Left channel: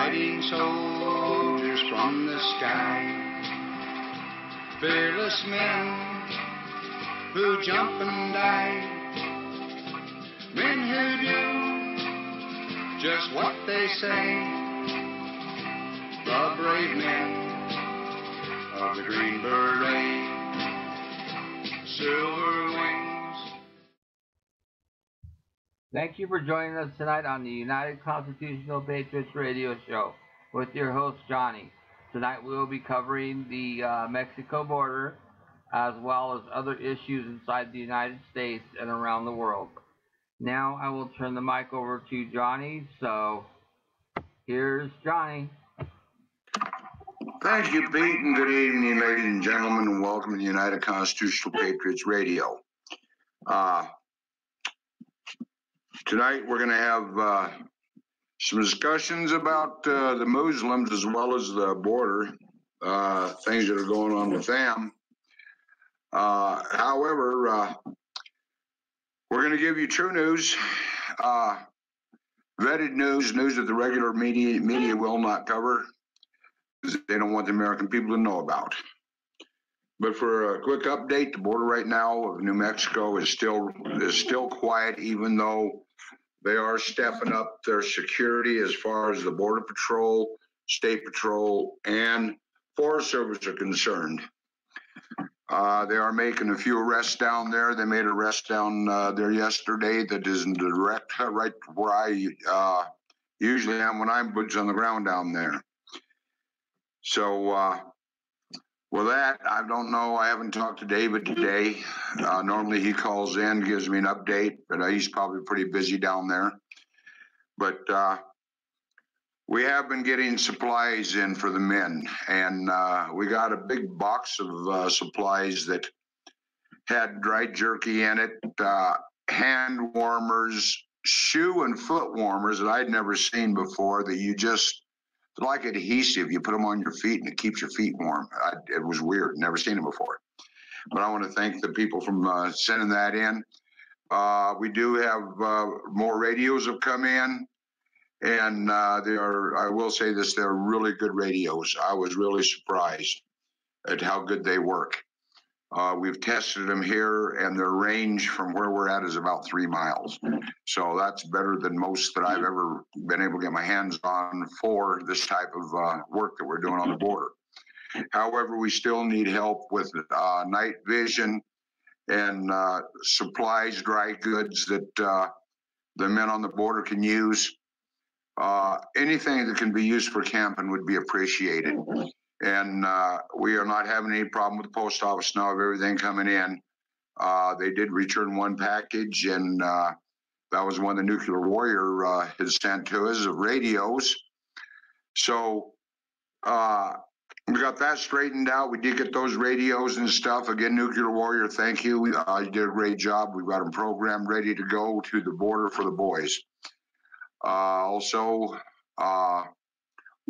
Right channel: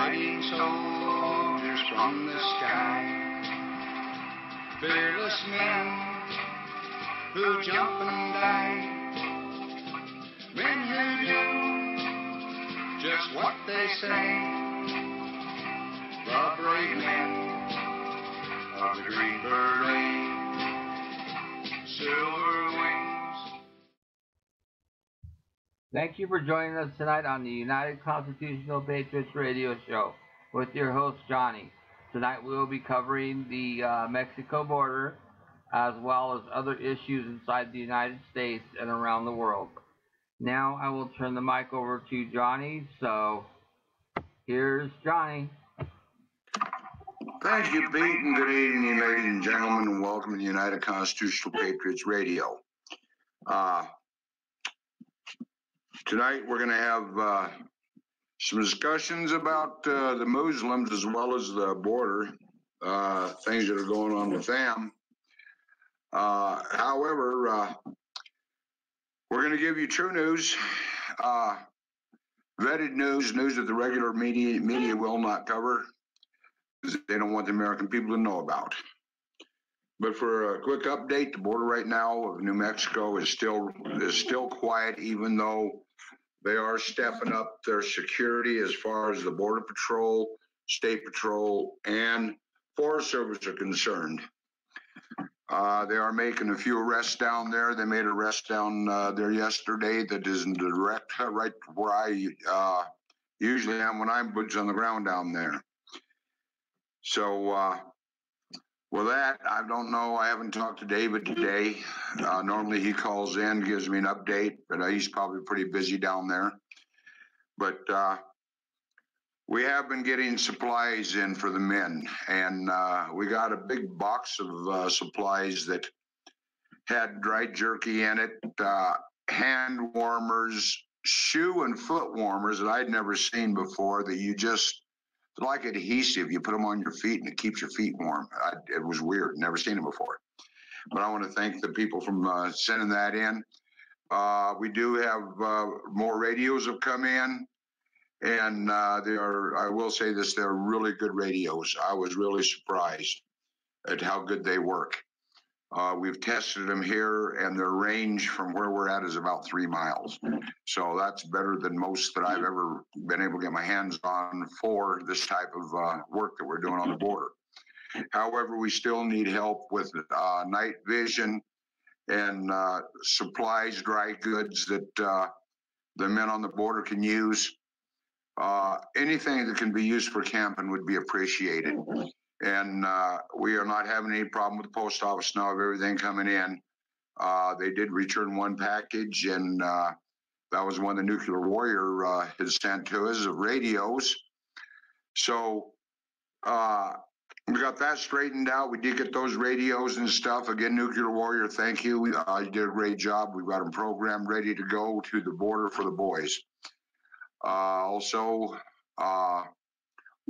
Fighting soldiers from the sky, fearless men who jump and die, men who do just what they say, the brave men of the Green Beret, silver wings. Thank you for joining us tonight on the United Constitutional Patriots Radio Show with your host, Johnny. Tonight we will be covering the Mexico border as well as other issues inside the United States and around the world. Now I will turn the mic over to Johnny, so here's Johnny. Thank you, Pete, and good evening, ladies and gentlemen, and welcome to the United Constitutional Patriots Radio. Tonight we're going to have some discussions about the Muslims as well as the border, things that are going on with them. However, we're going to give you true news, vetted news that the regular media will not cover. They don't want the American people to know about. But for a quick update, the border right now of New Mexico is still quiet, even though they are stepping up their security as far as the Border Patrol, State Patrol, and Forest Service are concerned. They are making a few arrests down there. They made an arrest down there yesterday that is in direct right where I usually am when I'm boots on the ground down there. So with that, I don't know. I haven't talked to David today. Normally he calls in, gives me an update, but he's probably pretty busy down there. But we have been getting supplies in for the men, and we got a big box of supplies that had dry jerky in it, hand warmers, shoe and foot warmers that I'd never seen before, that you just, like adhesive, you put them on your feet and it keeps your feet warm. It was weird, never seen it before. But I want to thank the people from sending that in. We do have more radios have come in, and they are, I will say this, they're really good radios. I was really surprised at how good they work. We've tested them here, and their range from where we're at is about 3 miles. So that's better than most that I've ever been able to get my hands on for this type of work that we're doing on the border. However, we still need help with night vision and supplies, dry goods that the men on the border can use. Anything that can be used for camping would be appreciated. And we are not having any problem with the post office now of everything coming in. They did return one package, and that was one the Nuclear Warrior had sent to us of radios. So we got that straightened out. We did get those radios and stuff. Again, Nuclear Warrior, thank you. You did a great job. We've got them programmed, ready to go to the border for the boys. Also,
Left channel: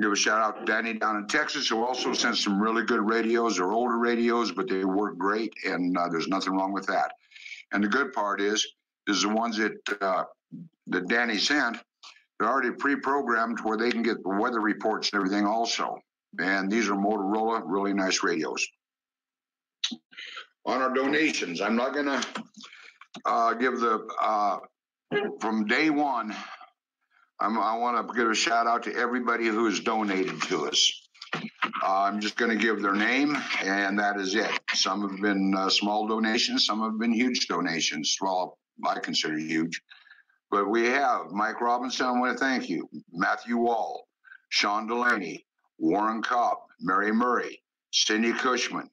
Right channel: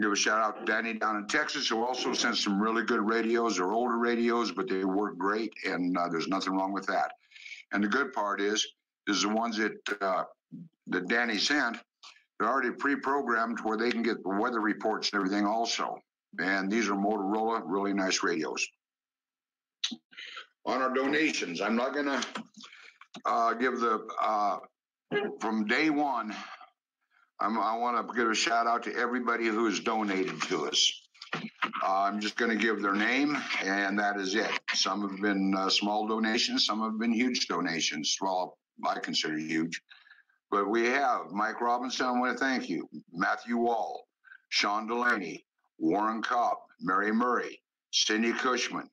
give a shout out to Danny down in Texas, who also sent some really good radios. They're older radios, but they work great, and there's nothing wrong with that. And the good part is the ones that Danny sent, they're already pre-programmed where they can get the weather reports and everything also. And these are Motorola, really nice radios. On our donations, I'm not going to give the, from day one, I want to give a shout out to everybody who has donated to us. I'm just going to give their name, and that is it. Some have been small donations, some have been huge donations. Well, I consider huge. But we have Mike Robinson, I want to thank you. Matthew Wall, Sean Delaney, Warren Cobb, Mary Murray, Cindy Cushman,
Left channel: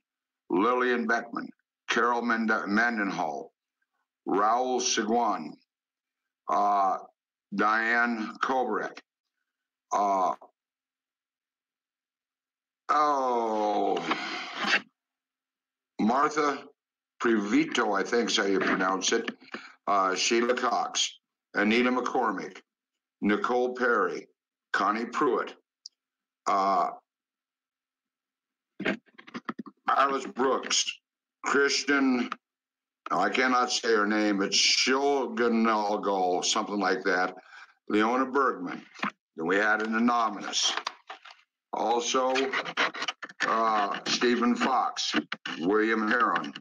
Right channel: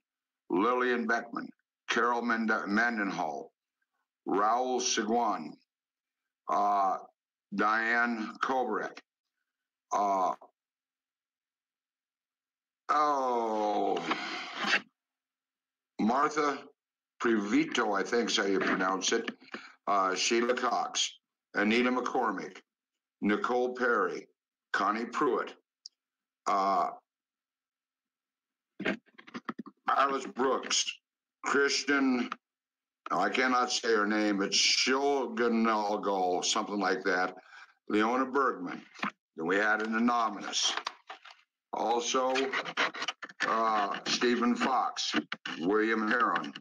Lillian Beckman, Carol Mendenhall, Raul Seguin, Diane Kovarek, Martha Previto, I think is how you pronounce it, Sheila Cox, Anita McCormick, Nicole Perry, Connie Pruitt, Alice Brooks, Christian, I cannot say her name, it's Shilganalgal, something like that, Leona Bergman, Then we had an anonymous. Also, Stephen Fox, William Heron,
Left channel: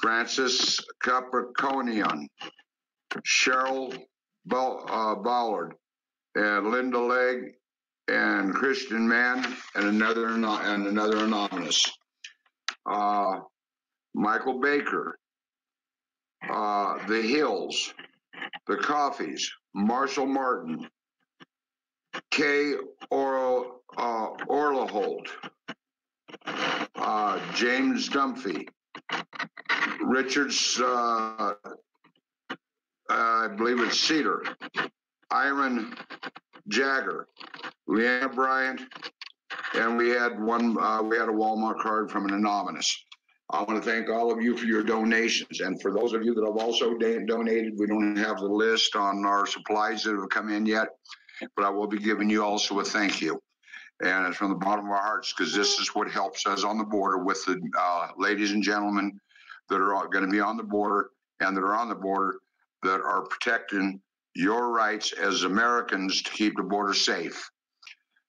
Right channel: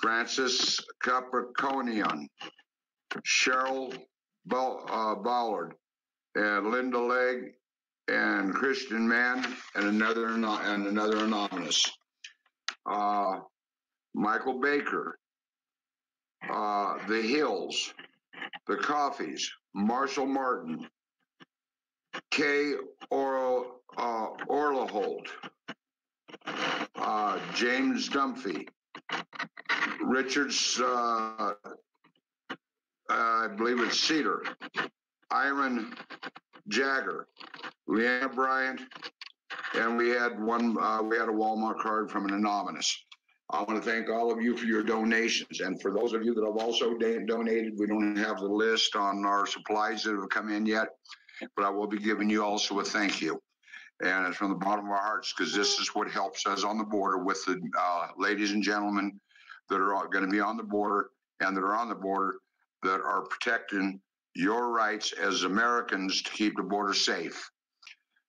Francis Capricornian, Cheryl Ballard, and Linda Legg, and Christian Mann, and another anonymous. Michael Baker, the Hills, the Coffees, Marshall Martin, Kay Orlaholt, James Dunphy, Richards, I believe it's Cedar, Iron Jagger, Leanna Bryant, and we had a Walmart card from an anonymous. I want to thank all of you for your donations, and for those of you that have also donated, we don't have the list on our supplies that have come in yet, but I will be giving you also a thank you. And it's from the bottom of our hearts, because this is what helps us on the border with the ladies and gentlemen that are going to be on the border and that are on the border that are protecting your rights as Americans to keep the border safe.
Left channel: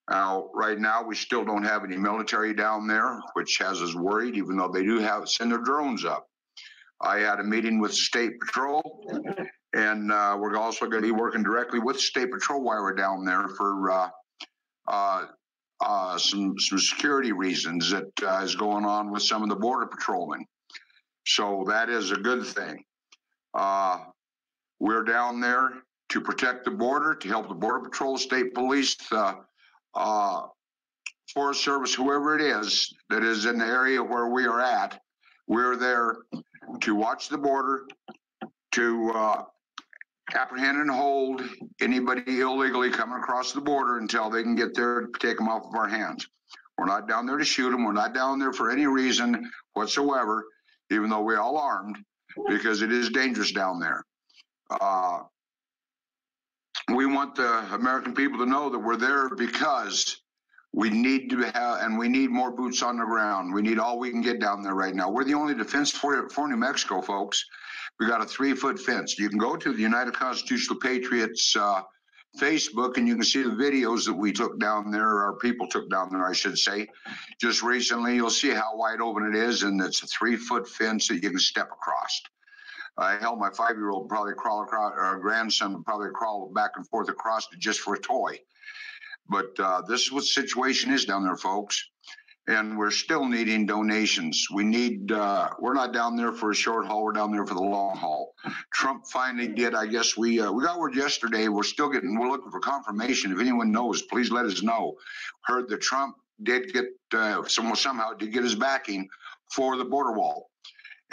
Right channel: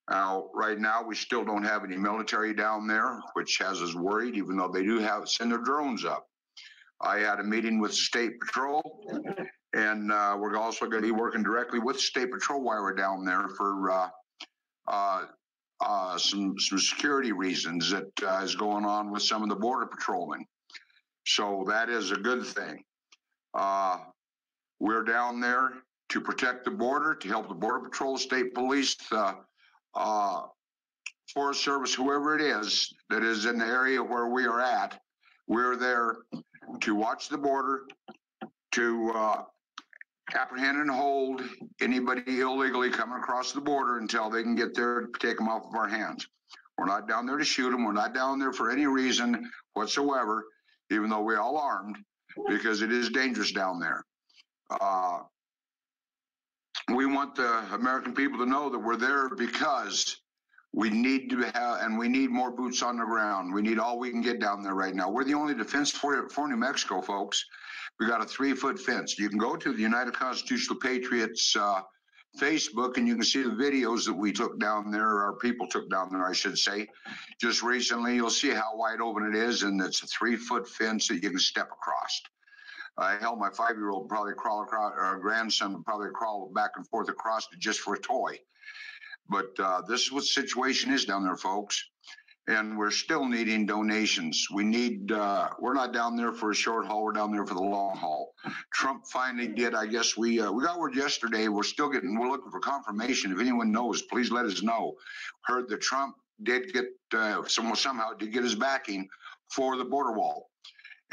Now, right now, we still don't have any military down there, which has us worried, even though they do send their drones up. I had a meeting with the State Patrol, and we're also going to be working directly with the State Patrol while we're down there for some security reasons that is going on with some of the border patrolmen. So that is a good thing. We're down there to protect the border, to help the Border Patrol, State Police, Forest Service, whoever it is that is in the area where we are at. We're there to watch the border, to apprehend and hold anybody illegally coming across the border until they can get there to take them off of our hands. We're not down there to shoot them. We're not down there for any reason whatsoever, even though we're all armed, because it is dangerous down there. We want the American people to know that we're there because we need to have, and we need more boots on the ground. We need all we can get down there right now. We're the only defense for New Mexico, folks. We got a 3-foot fence. You can go to the United Constitutional Patriots Facebook, and you can see the videos that we took down there, or our people took down there, I should say. Just recently, you'll see how wide open it is, and it's a 3-foot fence that you can step across. Hell, my 5-year-old probably crawl across, or grandson would probably crawl back and forth across it just for a toy. But this is what the situation is down there, folks. And we're still needing donations. We need, we're not down there for a short haul, we're down there for the long haul. Trump finally did, I guess we got word yesterday, we're looking for confirmation. If anyone knows, please let us know. Heard that Trump did get, somehow did get his backing for the border wall.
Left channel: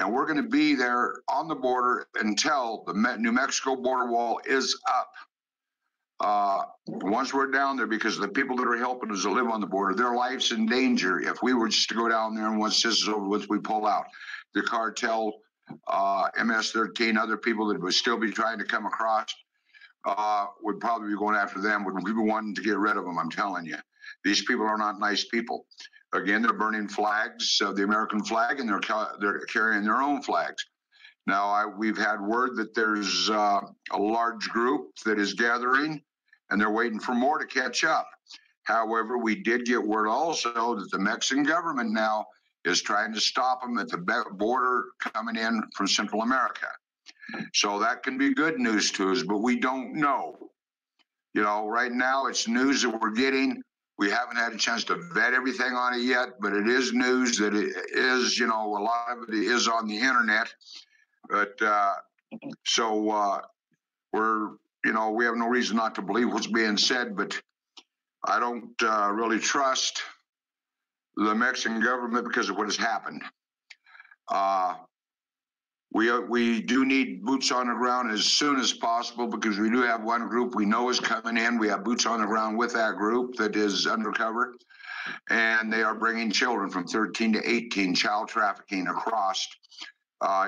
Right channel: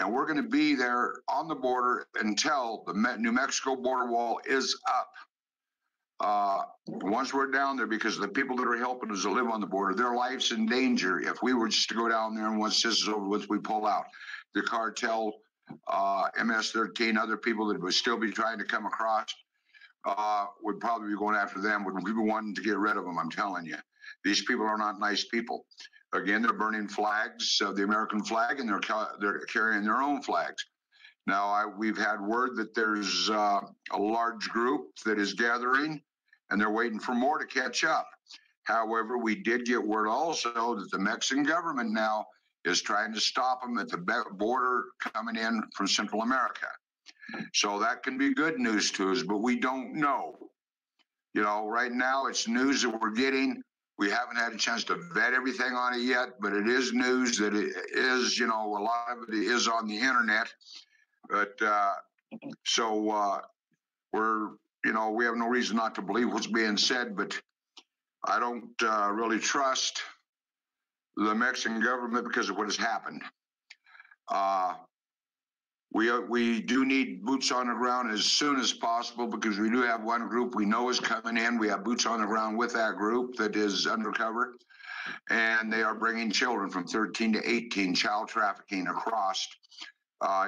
And we're going to be there on the border until the New Mexico border wall is up. Once we're down there, because the people that are helping us to live on the border, their life's in danger if we were just to go down there and once this is over with, we pull out. The cartel, MS-13, other people that would still be trying to come across would probably be going after them, would be wanting to get rid of them, I'm telling you. These people are not nice people. Again, they're burning flags of the American flag, and they're carrying their own flags. Now, we've had word that there's a large group that is gathering, and they're waiting for more to catch up. However, we did get word also that the Mexican government now is trying to stop them at the border coming in from Central America. So that can be good news to us, but we don't know. You know, right now it's news that we're getting. We haven't had a chance to vet everything on it yet, but it is news that it is, you know, a lot of it is on the internet. But we're, you know, we have no reason not to believe what's being said, but I don't really trust the Mexican government because of what has happened. We do need boots on the ground as soon as possible, because we do have one group we know is coming in. We have boots on the ground with that group that is undercover, and they are bringing children from 13 to 18, child trafficking across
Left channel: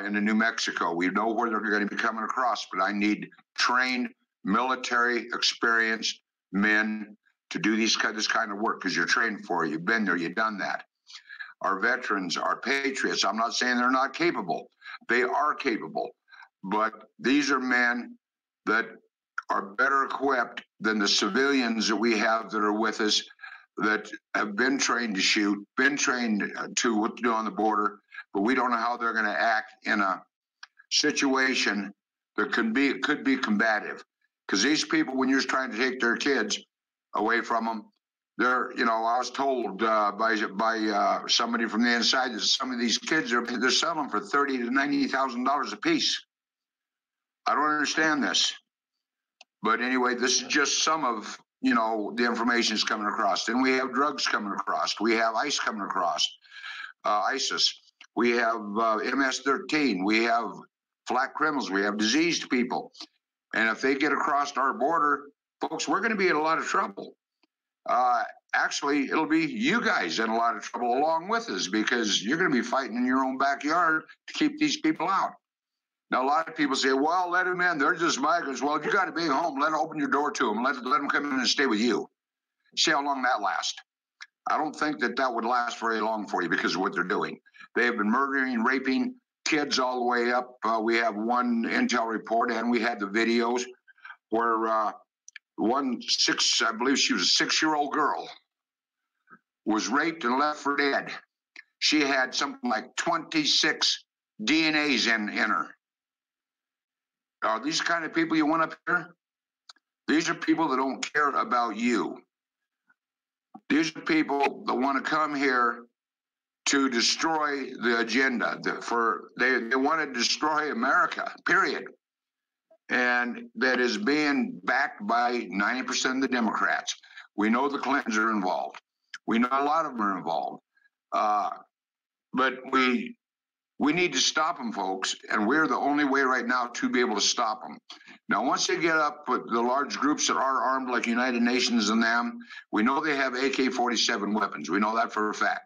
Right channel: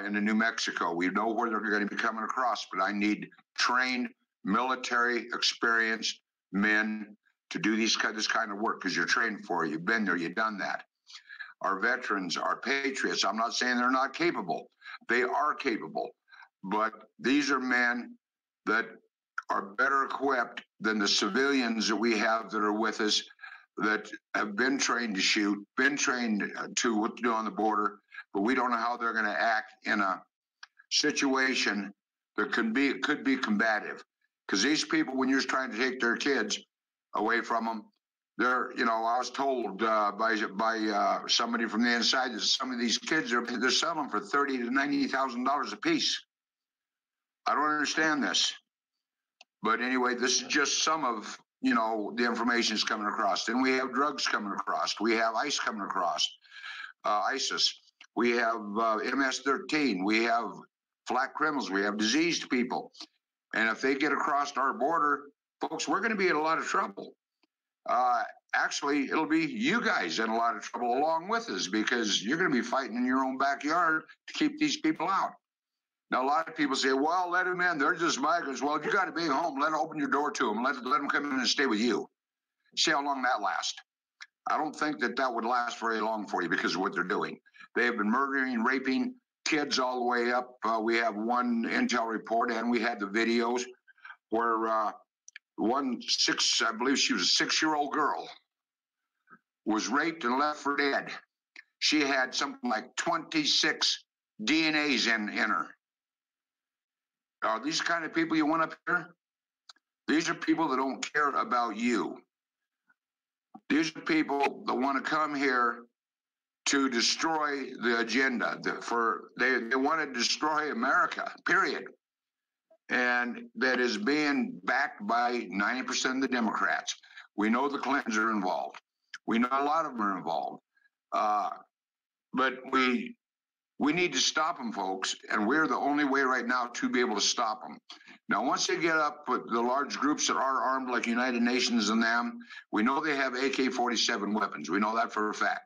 into New Mexico. We know where they're going to be coming across, but I need trained, military, experienced men to do this kind of work, because you're trained for it. You've been there. You've done that. Our veterans, our patriots, I'm not saying they're not capable. They are capable. But these are men that are better equipped than the civilians that we have that are with us that have been trained to shoot, been trained to what to do on the border, but we don't know how they're going to act in a situation that could be combative. Because these people, when you're trying to take their kids away from them, they're, I was told by somebody from the inside that some of these kids they're selling for $30,000 to $90,000 a piece. I don't understand this, but anyway, this is just some of the information is coming across. Then we have drugs coming across. We have ICE coming across, ISIS. We have MS-13. We have flat criminals. We have diseased people. And if they get across our border, folks, we're going to be in a lot of trouble. Actually, it'll be you guys in a lot of trouble along with us, because you're going to be fighting in your own backyard to keep these people out. Now, a lot of people say, well, let them in. They're just migrants. Well, you got to be home. Let them open your door to them. Let them come in and stay with you. See how long that lasts. I don't think that would last very long for you because of what they're doing. They have been murdering, raping kids all the way up. We have one intel report, and we had the videos where I believe she was a 6-year-old girl, was raped and left for dead. She had something like 26 DNAs in her. Are these kind of people you want up here? These are people that don't care about you. These are people that want to come here to destroy the agenda. They want to destroy America, period. And that is being backed by 90% of the Democrats. We know the Clintons are involved. We know a lot of them are involved. But we need to stop them, folks, and we're the only way right now to be able to stop them. Now, once they get up with the large groups that are armed like United Nations and them, we know they have AK-47 weapons. We know that for a fact.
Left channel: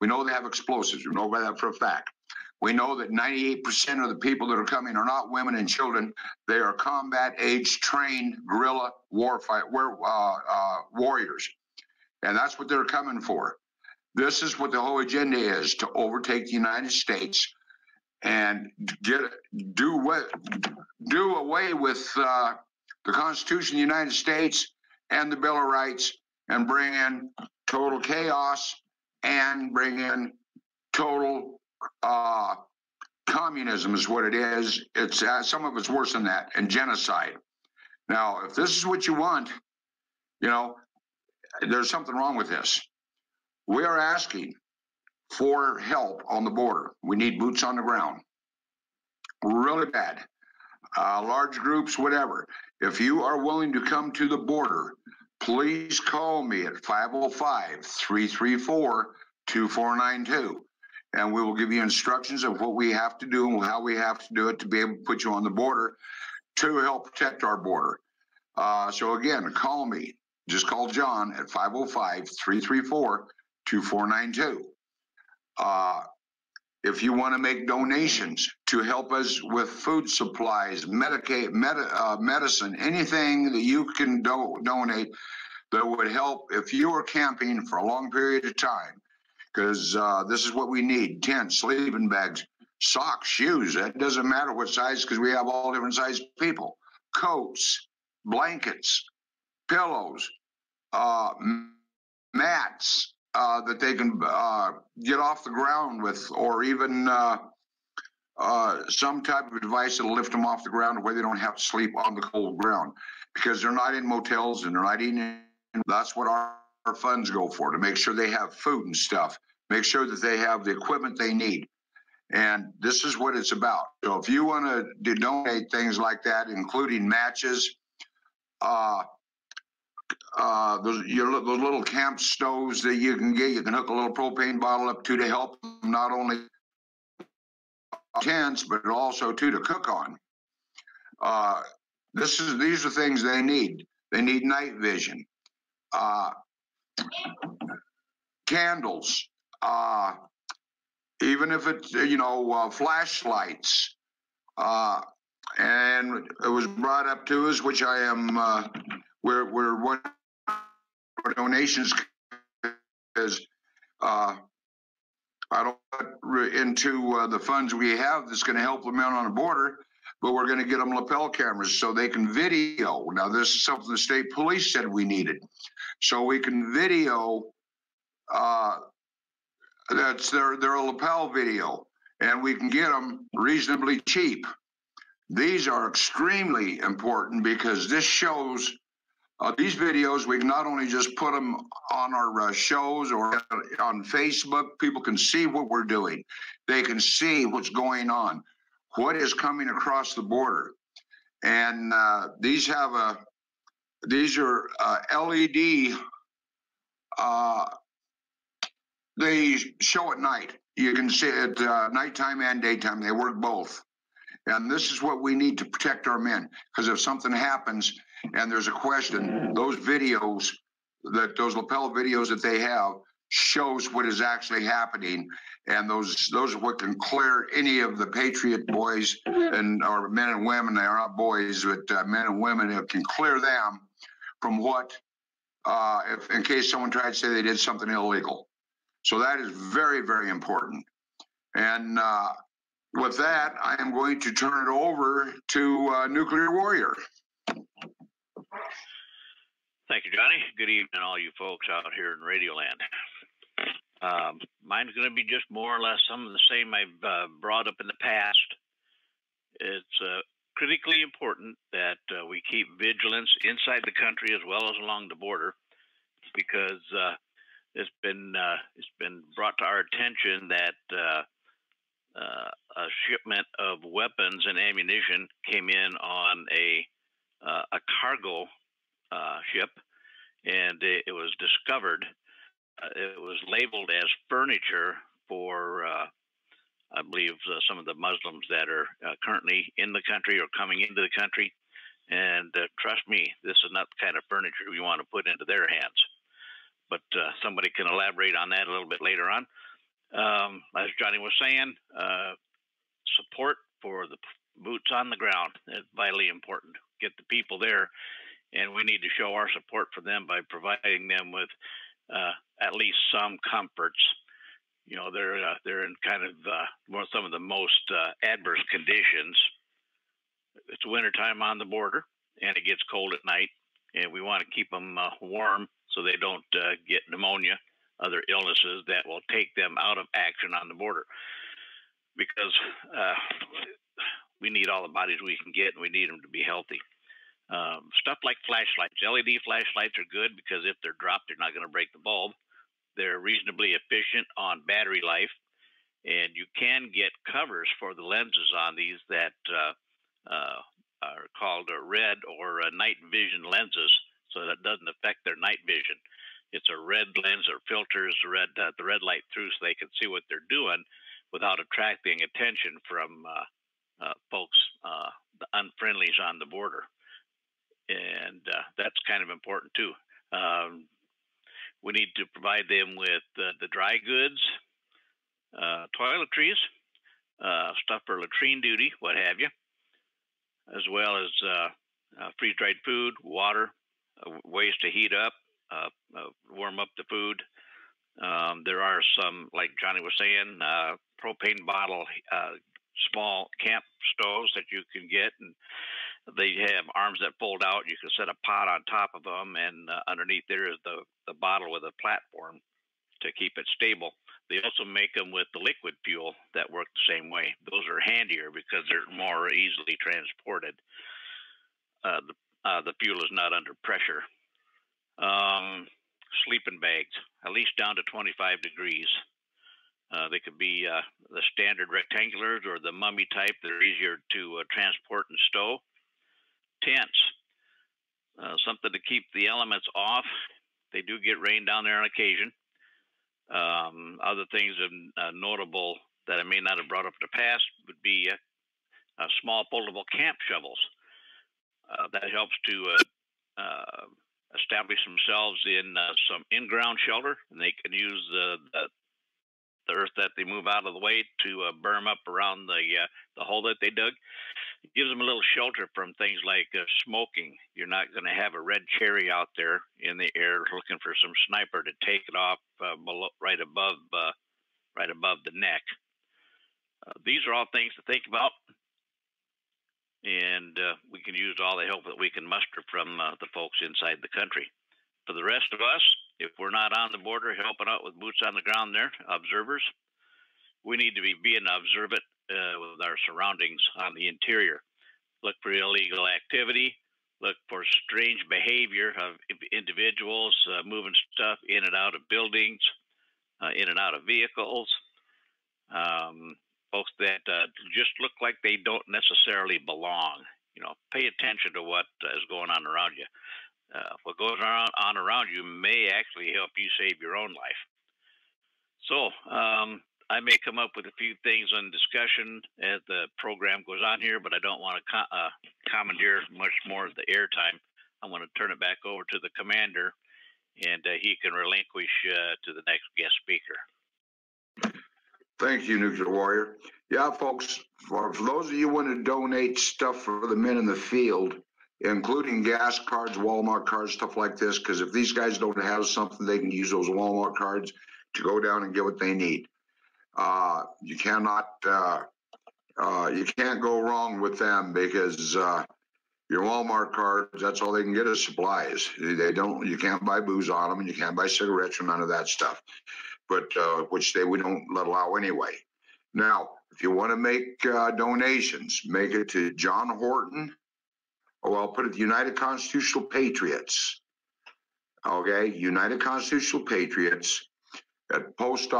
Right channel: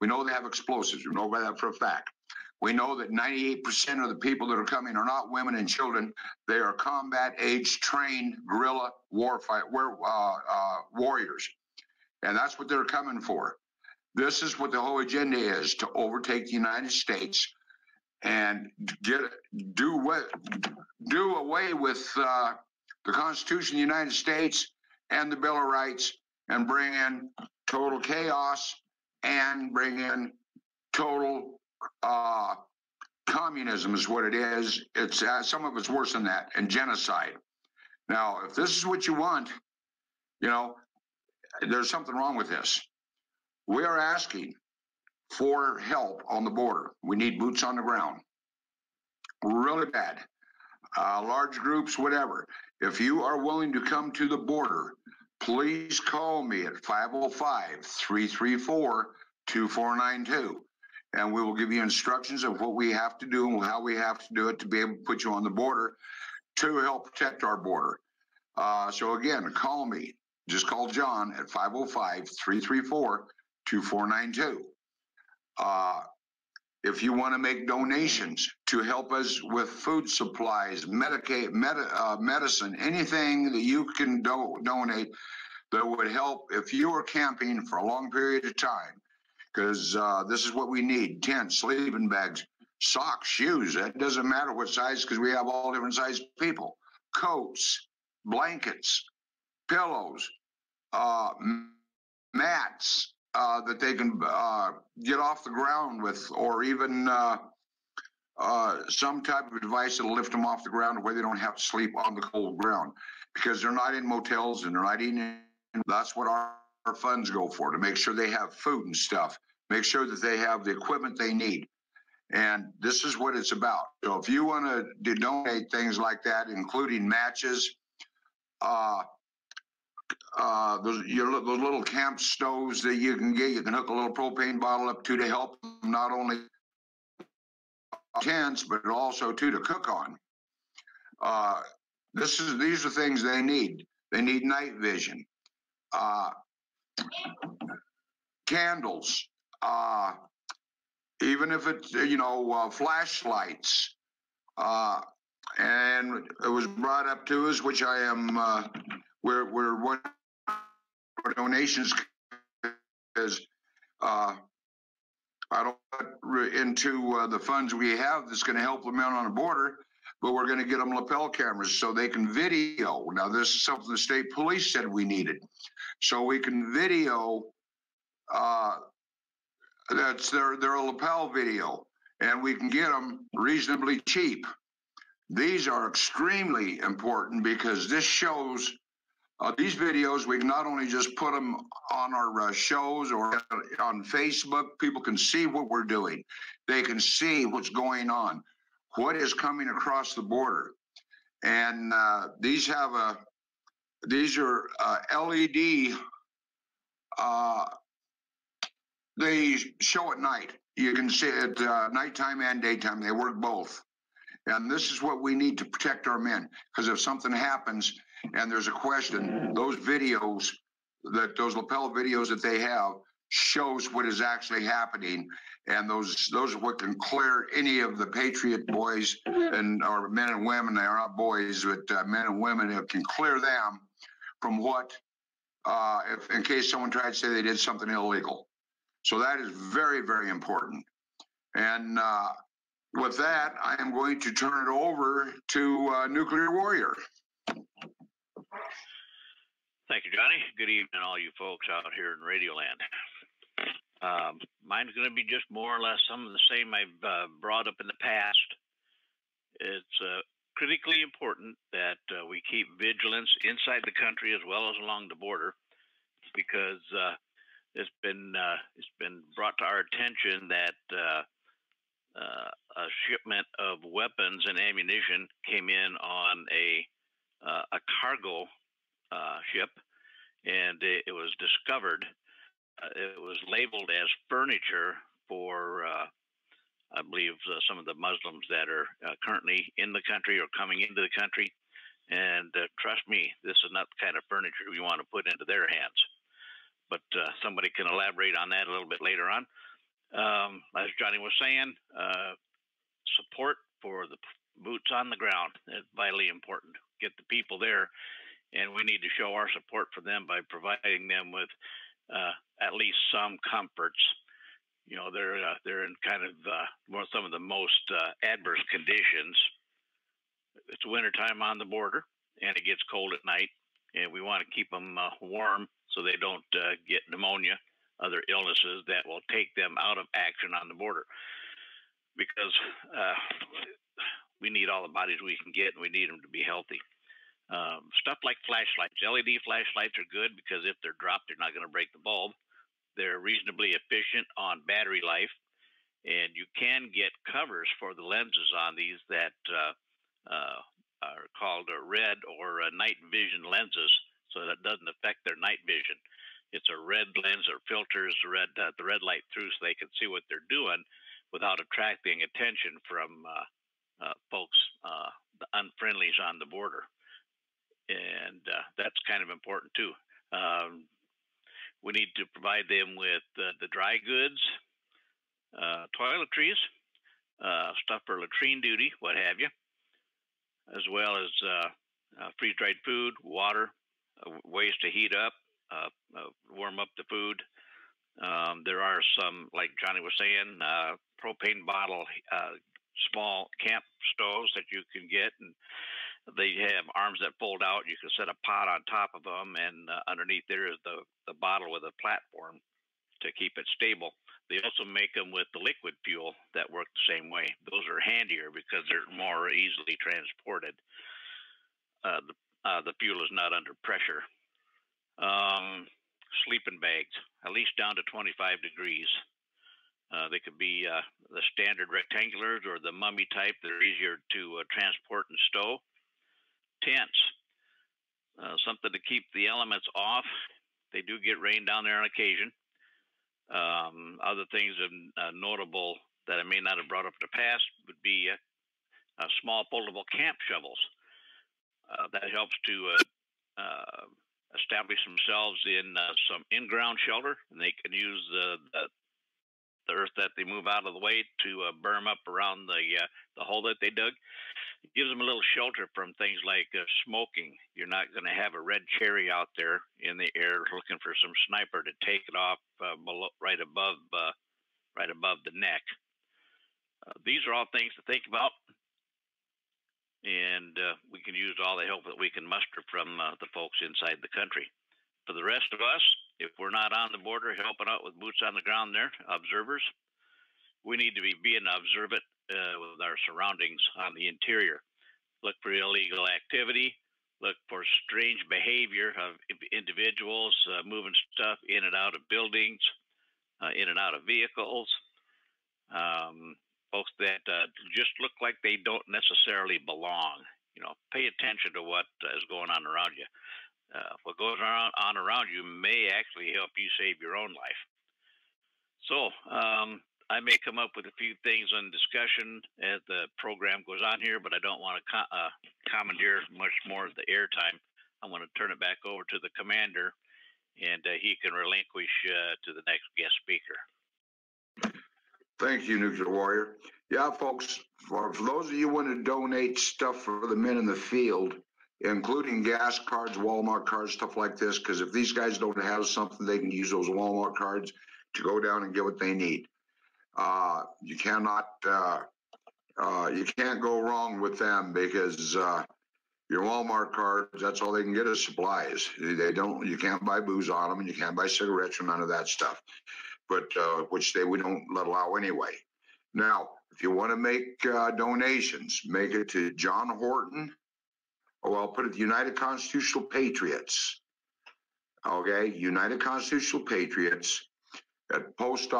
We know they have explosives. We know that for a fact. We know that 98% of the people that are coming are not women and children. They are combat-age trained guerrilla warriors. And that's what they're coming for. This is what the whole agenda is, to overtake the United States and do away with the Constitution of the United States and the Bill of Rights, and bring in total chaos and bring in total communism is what it is. It's some of it's worse than that, and genocide. Now, if this is what you want, there's something wrong with this. We are asking for help on the border. We need boots on the ground. Really bad. Large groups, whatever. If you are willing to come to the border, please call me at 505-334-2492. And we will give you instructions of what we have to do and how we have to do it to be able to put you on the border to help protect our border. So again, call me. Just call John at 505-334-2492. If you want to make donations to help us with food supplies, medicine, anything that you can donate that would help if you are camping for a long period of time, because this is what we need: tents, sleeping bags, socks, shoes. It doesn't matter what size, because we have all different size people. Coats, blankets, pillows, mats that they can get off the ground with, or even some type of device that'll lift them off the ground where they don't have to sleep on the cold ground, because they're not in motels and they're not eating. That's what our funds go for, to make sure they have food and stuff, make sure that they have the equipment they need. And this is what it's about. So if you want to donate things like that, including matches, those little camp stoves that you can get, you can hook a little propane bottle up to help them not only tents, but also to cook on. These are things they need. They need night vision, candles, even if it's flashlights. And it was brought up to us, which I am we're one donations, because I don't put into the funds we have that's going to help the men on the border, but we're going to get them lapel cameras so they can video. Now, this is something the state police said we needed. So we can video, that's their lapel video, and we can get them reasonably cheap. These are extremely important because this shows these videos. We can not only just put them on our shows or on Facebook, people can see what we're doing. They can see what's going on, what is coming across the border. And these are LED. They show at night. You can see it nighttime and daytime. They work both. And this is what we need to protect our men. Because if something happens and there's a question, those videos, those lapel videos that they have, shows what is actually happening. And those are what can clear any of the Patriot boys or men and women. They are not boys, but men and women. It can clear them from what, if in case someone tried to say they did something illegal. So that is very, very important. And with that, I am going to turn it over to Nuclear Warrior. Thank you, Johnny. Good evening, all you folks out here in Radioland. Mine's going to be just more or less some of the same I've brought up in the past. It's critically important that we keep vigilance inside the country as well as along the border, because it's been brought to our attention that a shipment of weapons and ammunition came in on a cargo ship, and it was discovered. It was labeled as furniture for, I believe, some of the Muslims that are currently in the country or coming into the country. And trust me, this is not the kind of furniture we want to put into their hands. But somebody can elaborate on that a little bit later on. As Johnny was saying, support for the boots on the ground is vitally important. Get the people there, and we need to show our support for them by providing them with at least some comforts. You know, they're in kind of some of the most adverse conditions. It's wintertime on the border, and it gets cold at night, and we want to keep them warm so they don't get pneumonia, other illnesses that will take them out of action on the border. Because we need all the bodies we can get, and we need them to be healthy. Stuff like flashlights. LED flashlights are good because if they're dropped, they're not going to break the bulb. They're reasonably efficient on battery life, and you can get covers for the lenses on these that are called red or night vision lenses, so that doesn't affect their night vision. It's a red lens that filters the red light through so they can see what they're doing without attracting attention from folks, the unfriendlies on the border. And that's kind of important too. We need to provide them with the dry goods, toiletries, stuff for latrine duty, what have you, as well as freeze-dried food, water, ways to heat up, warm up the food. There are some, like Johnny was saying, propane bottle, small camp stoves that you can get, and they have arms that fold out. You can set a pot on top of them, and underneath there is the bottle with a platform to keep it stable. They also make them with the liquid fuel that work the same way. Those are handier because they're more easily transported. The fuel is not under pressure. Sleeping bags, at least down to 25 degrees. They could be the standard rectangulars or the mummy type. They're easier to transport and stow. Tents, something to keep the elements off. They do get rain down there on occasion. Other things notable that I may not have brought up in the past would be small foldable camp shovels. That helps to establish themselves in some in-ground shelter, and they can use the earth that they move out of the way to berm up around the hole that they dug. It gives them a little shelter from things like smoking. You're not going to have a red cherry out there in the air looking for some sniper to take it off below, right above the neck. These are all things to think about. and we can use all the help that we can muster from the folks inside the country. For the rest of us, if we're not on the border helping out with boots on the ground there, observers, we need to be being observant with our surroundings on the interior. Look for illegal activity. Look for strange behavior of individuals moving stuff in and out of buildings, in and out of vehicles. Folks that just look like they don't necessarily belong. Pay attention to what is going on around you. What goes on around you may actually help you save your own life. So I may come up with a few things on discussion as the program goes on here, but I don't want to commandeer much more of the airtime. I want to turn it back over to the commander, and he can relinquish to the next guest speaker. Thank you, Nuclear Warrior. Yeah, folks, for those of you who want to donate stuff for the men in the field, including gas cards, Walmart cards, stuff like this, because if these guys don't have something, they can use those Walmart cards to go down and get what they need. You can't go wrong with them, because your Walmart cards, that's all they can get is supplies. You can't buy booze on them, and you can't buy cigarettes or none of that stuff, but which we don't allow anyway. Now, if you want to make donations, make it to John Horton. I'll put it the United Constitutional Patriots. Okay, United Constitutional Patriots at post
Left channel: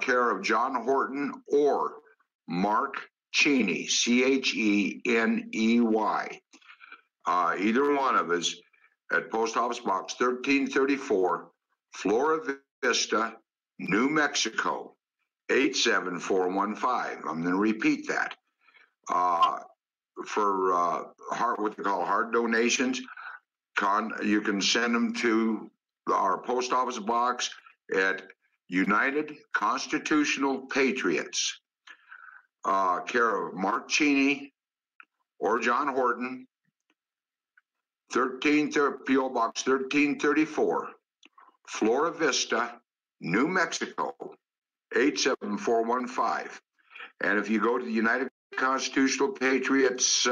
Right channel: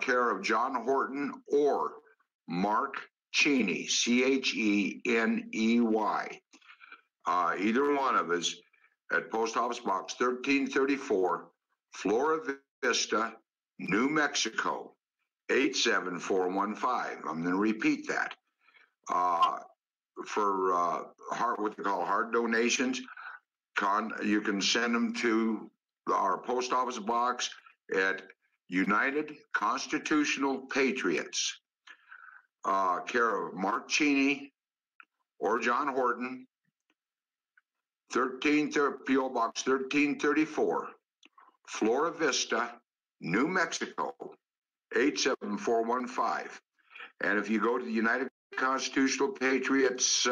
care of John Horton or Mark Cheney, Cheney. Either one of us at Post Office Box 1334, Flora Vista, New Mexico, 87415. I'm going to repeat that. For what they call hard donations, you can send them to our post office box at United Constitutional Patriots, care of Mark Cheney or John Horton, P.O. Box 1334, Flora Vista, New Mexico, 87415. And if you go to the United Constitutional Patriots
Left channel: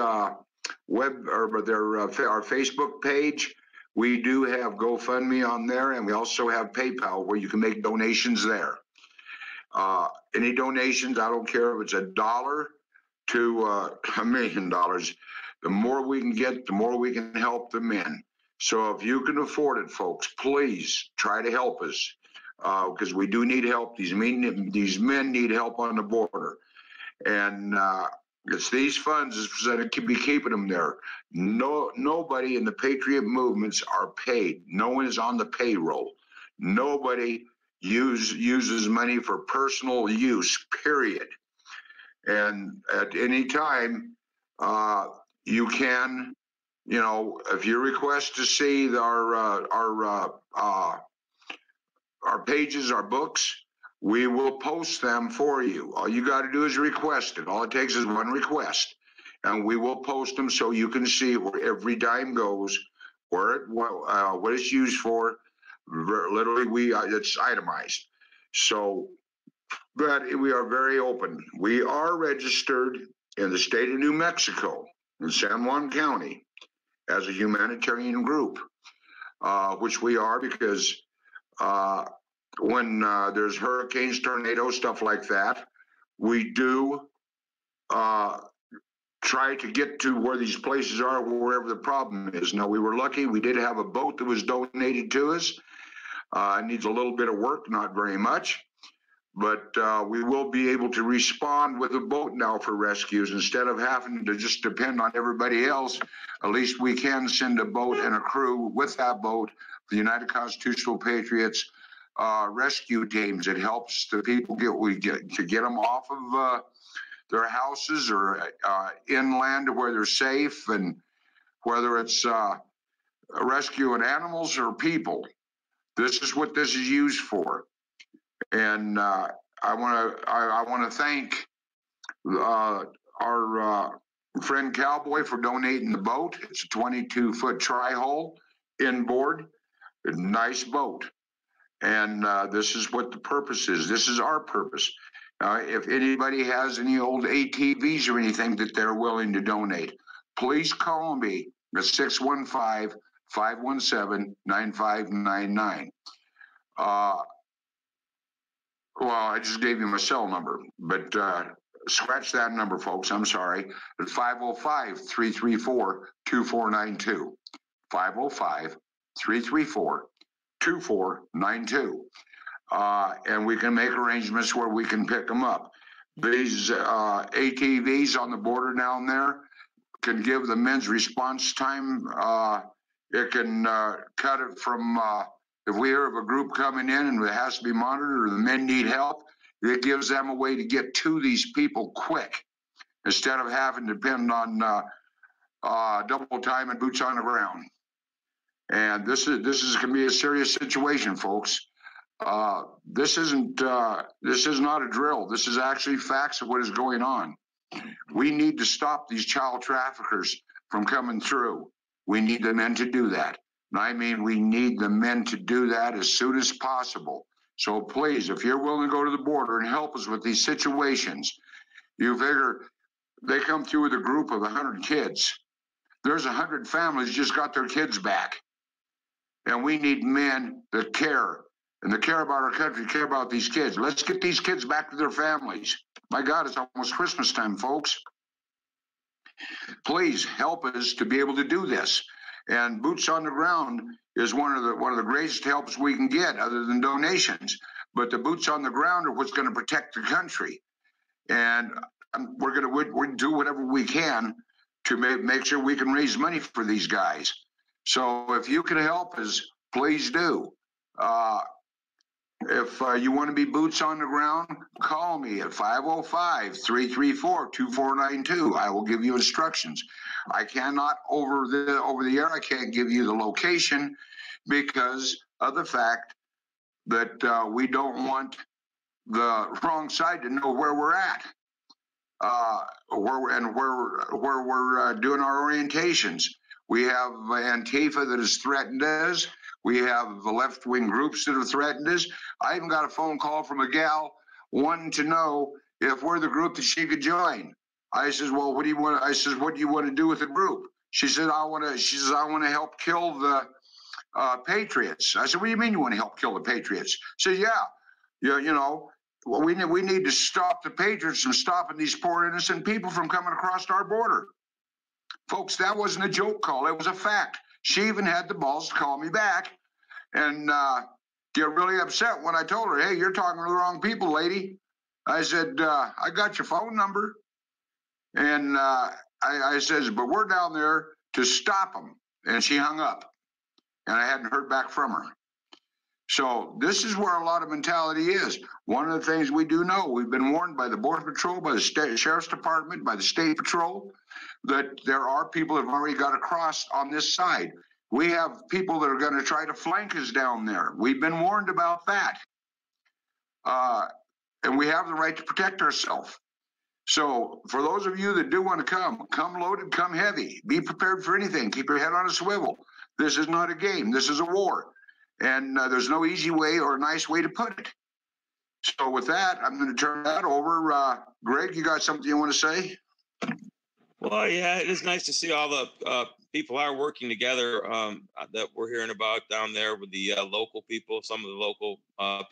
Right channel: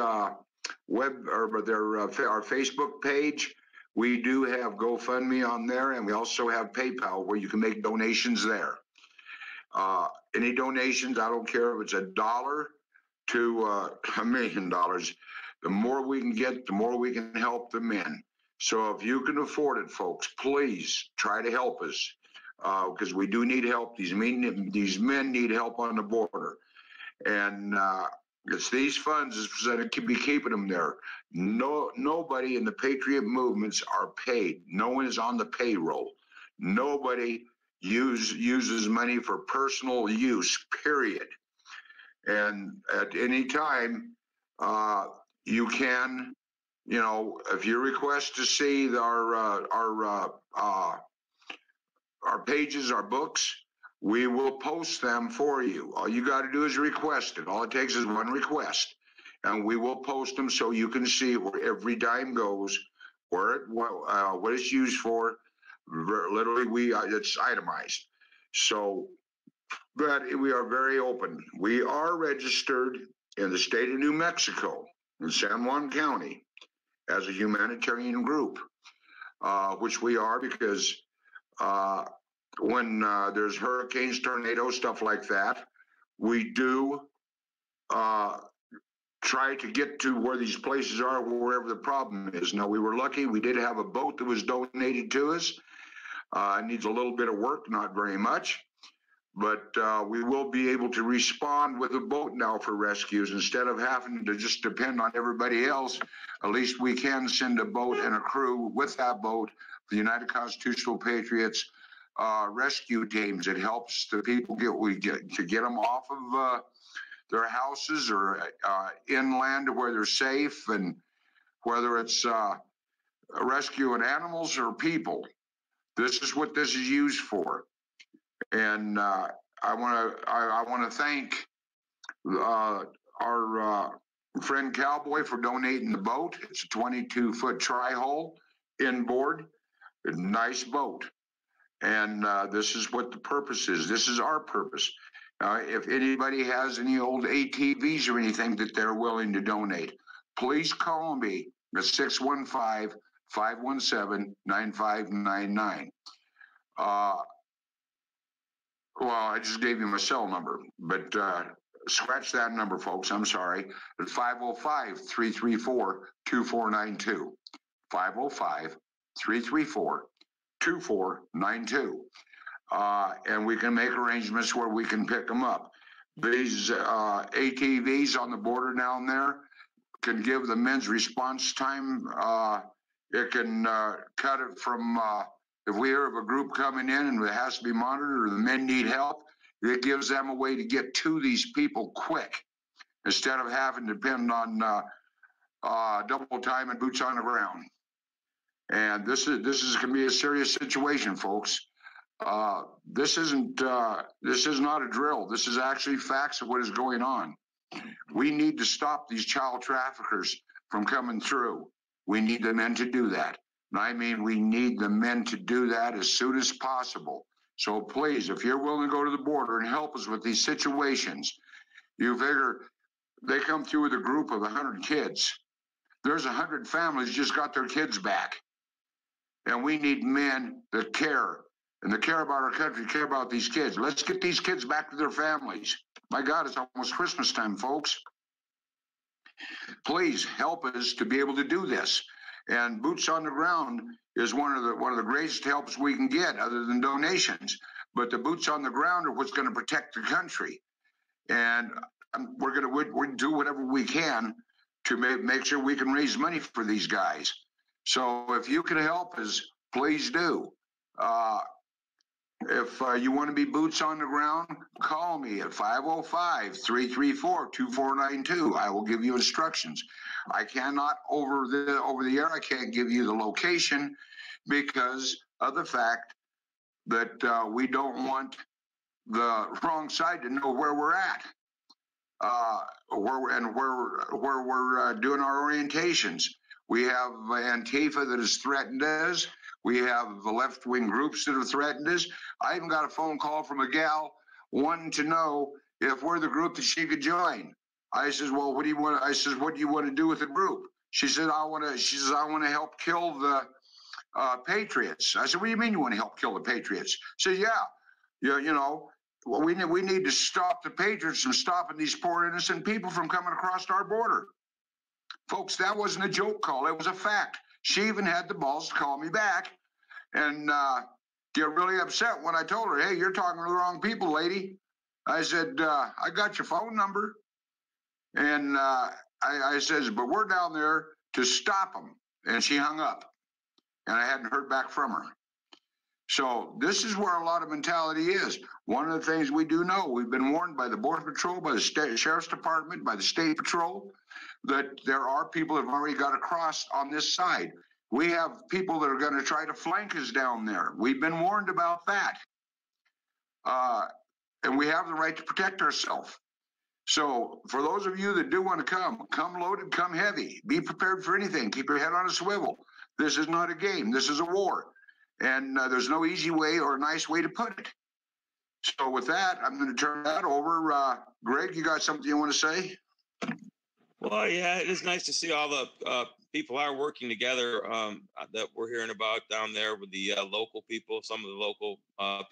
web or our Facebook page, we do have GoFundMe on there, and we also have PayPal where you can make donations there. Any donations, I don't care if it's $1 to $1 million. The more we can get, the more we can help the men. So if you can afford it, folks, please try to help us, because we do need help. These men need help on the border. And it's these funds that can be keeping them there. Nobody in the Patriot movements are paid. No one is on the payroll. Nobody uses money for personal use, period. And at any time, you can, if you request to see our pages, our books, we will post them for you. All you got to do is request it. All it takes is one request, and we will post them so you can see where every dime goes, what it's used for. Literally, it's itemized. So, but we are very open. We are registered in the state of New Mexico, in San Juan County, as a humanitarian group, which we are because when there's hurricanes, tornadoes, stuff like that, we do try to get to where these places are, wherever the problem is. Now, we were lucky. We did have a boat that was donated to us. It needs a little bit of work, not very much. But we will be able to respond with a boat now for rescues. Instead of having to just depend on everybody else, at least we can send a boat and a crew with that boat, the United Constitutional Patriots rescue teams. It helps the people get them off of their houses or inland where they're safe, and whether it's rescuing animals or people. This is what this is used for. And I want to thank our friend Cowboy for donating the boat. It's a 22-foot tri-hull inboard, a nice boat. And this is what the purpose is. This is our purpose. If anybody has any old ATVs or anything that they're willing to donate, please call me at 615-517-9599. Well, I just gave you my cell number, but scratch that number, folks. I'm sorry. At 505-334-2492. 505-334-2492. And we can make arrangements where we can pick them up. These ATVs on the border down there can give the men's response time. It can cut it from, if we hear of a group coming in and it has to be monitored or the men need help, it gives them a way to get to these people quick instead of having to depend on double time and boots on the ground. And this is going to be a serious situation, folks. This is not a drill. This is actually facts of what is going on. We need to stop these child traffickers from coming through. We need the men to do that. And I mean, we need the men to do that as soon as possible. So please, if you're willing to go to the border and help us with these situations, you figure they come through with a group of 100 kids. There's 100 families just got their kids back. And we need men that care, and that care about our country, care about these kids. Let's get these kids back to their families. My God, it's almost Christmas time, folks. Please help us to be able to do this. And boots on the ground is one of the greatest helps we can get, other than donations. But the boots on the ground are what's going to protect the country. And we're going to do whatever we can to make sure we can raise money for these guys. So if you can help us, please do. If you want to be boots on the ground, call me at 505-334-2492. I will give you instructions. I cannot over the air. I can't give you the location because of the fact that we don't want the wrong side to know where we're at, where we're doing our orientations. We have Antifa that has threatened us. We have the left-wing groups that have threatened us. I even got a phone call from a gal wanting to know if we're the group that she could join. I says, well, what do you want? I says, what do you want to do with the group? She said, I want to help kill the Patriots. I said, what do you mean you want to help kill the Patriots? She said, well, we need to stop the Patriots from stopping these poor innocent people from coming across our border. Folks, that wasn't a joke call. It was a fact. She even had the balls to call me back and get really upset when I told her, hey, you're talking to the wrong people, lady. I said, I got your phone number. And I says, but we're down there to stop them. And she hung up. And I hadn't heard back from her. So this is where a lot of mentality is. One of the things we do know, we've been warned by the Border Patrol, by the Sheriff's Department, by the State Patrol, that there are people that have already got across on this side. We have people that are going to try to flank us down there. We've been warned about that. And we have the right to protect ourselves. So for those of you that do want to come loaded, come heavy. Be prepared for anything. Keep your head on a swivel. This is not a game. This is a war. And there's no easy way or a nice way to put it. So with that, I'm going to turn that over. Greg, you got something you want to say? Well, yeah, it is nice to see all the people are working together that we're hearing about down there with the local people, some of the local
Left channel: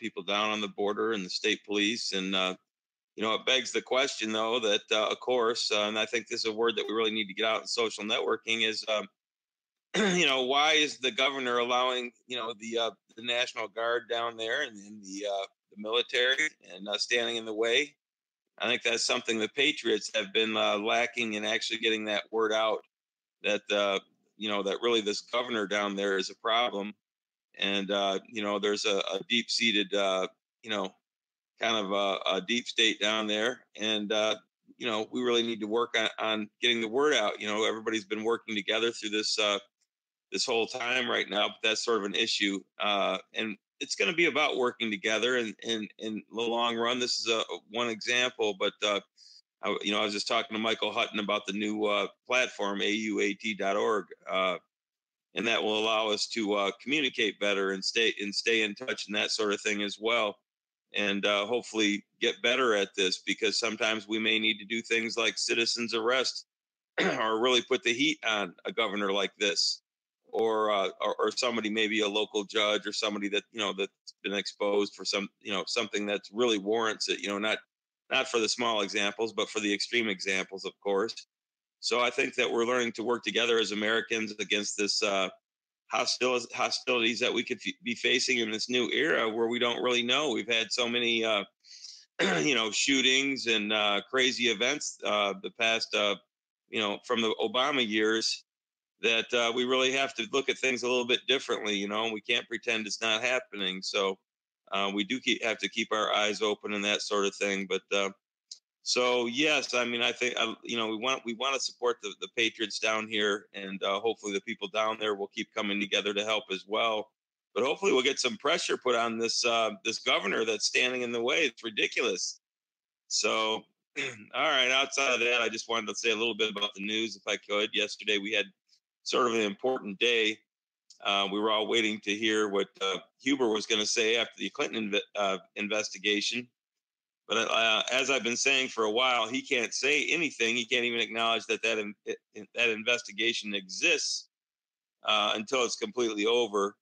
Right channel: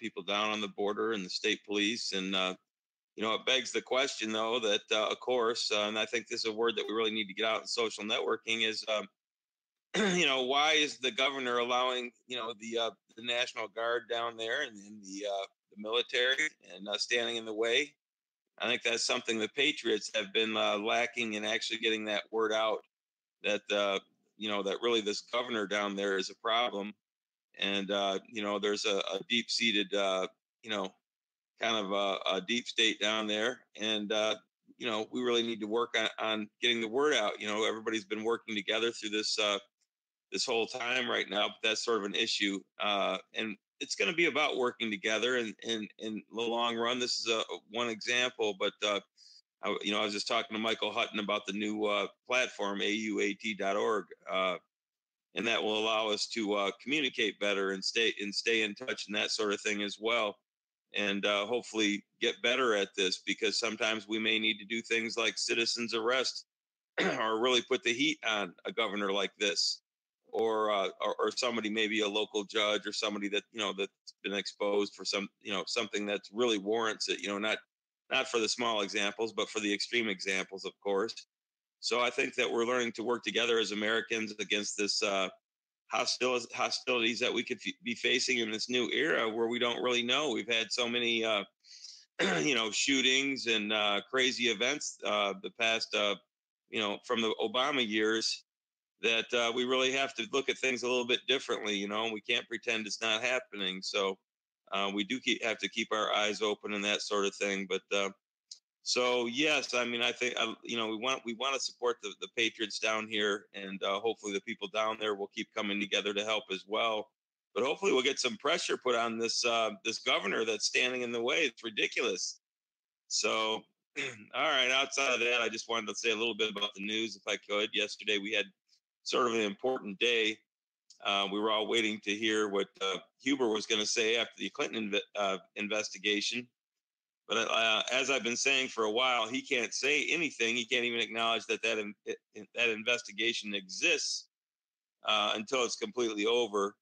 people down on the border and the state police. And, it begs the question, though, that, of course, and I think this is a word that we really need to get out in social networking is, why is the governor allowing, the National Guard down there and the military and standing in the way? I think that's something the Patriots have been lacking in actually getting that word out that, that really this governor down there is a problem. And, there's a deep-seated, kind of a deep state down there. And, we really need to work on getting the word out. Everybody's been working together through this whole time right now, but that's sort of an issue. And it's going to be about working together in the long run. This is one example, but I was just talking to Michael Hutton about the new platform, auat.org, and that will allow us to communicate better and stay in touch and that sort of thing as well, and hopefully get better at this, because sometimes we may need to do things like citizens arrest or really put the heat on a governor like this, or somebody, maybe a local judge or somebody that, that's been exposed for something that really warrants it, not for the small examples, but for the extreme examples, of course. So I think that we're learning to work together as Americans against this hostilities that we could be facing in this new era where we don't really know. We've had so many, shootings and crazy events the past, from the Obama years, that we really have to look at things a little bit differently. We can't pretend it's not happening. So we do have to keep our eyes open and that sort of thing. But so yes, I mean, I think we want to support the Patriots down here, and hopefully the people down there will keep coming together to help as well. But hopefully we'll get some pressure put on this governor that's standing in the way. It's ridiculous. So, all right. Outside of that, I just wanted to say a little bit about the news, if I could. Yesterday we had sort of an important day. We were all waiting to hear what Huber was going to say after the Clinton investigation. But as I've been saying for a while, he can't say anything. He can't even acknowledge that investigation exists until it's completely over.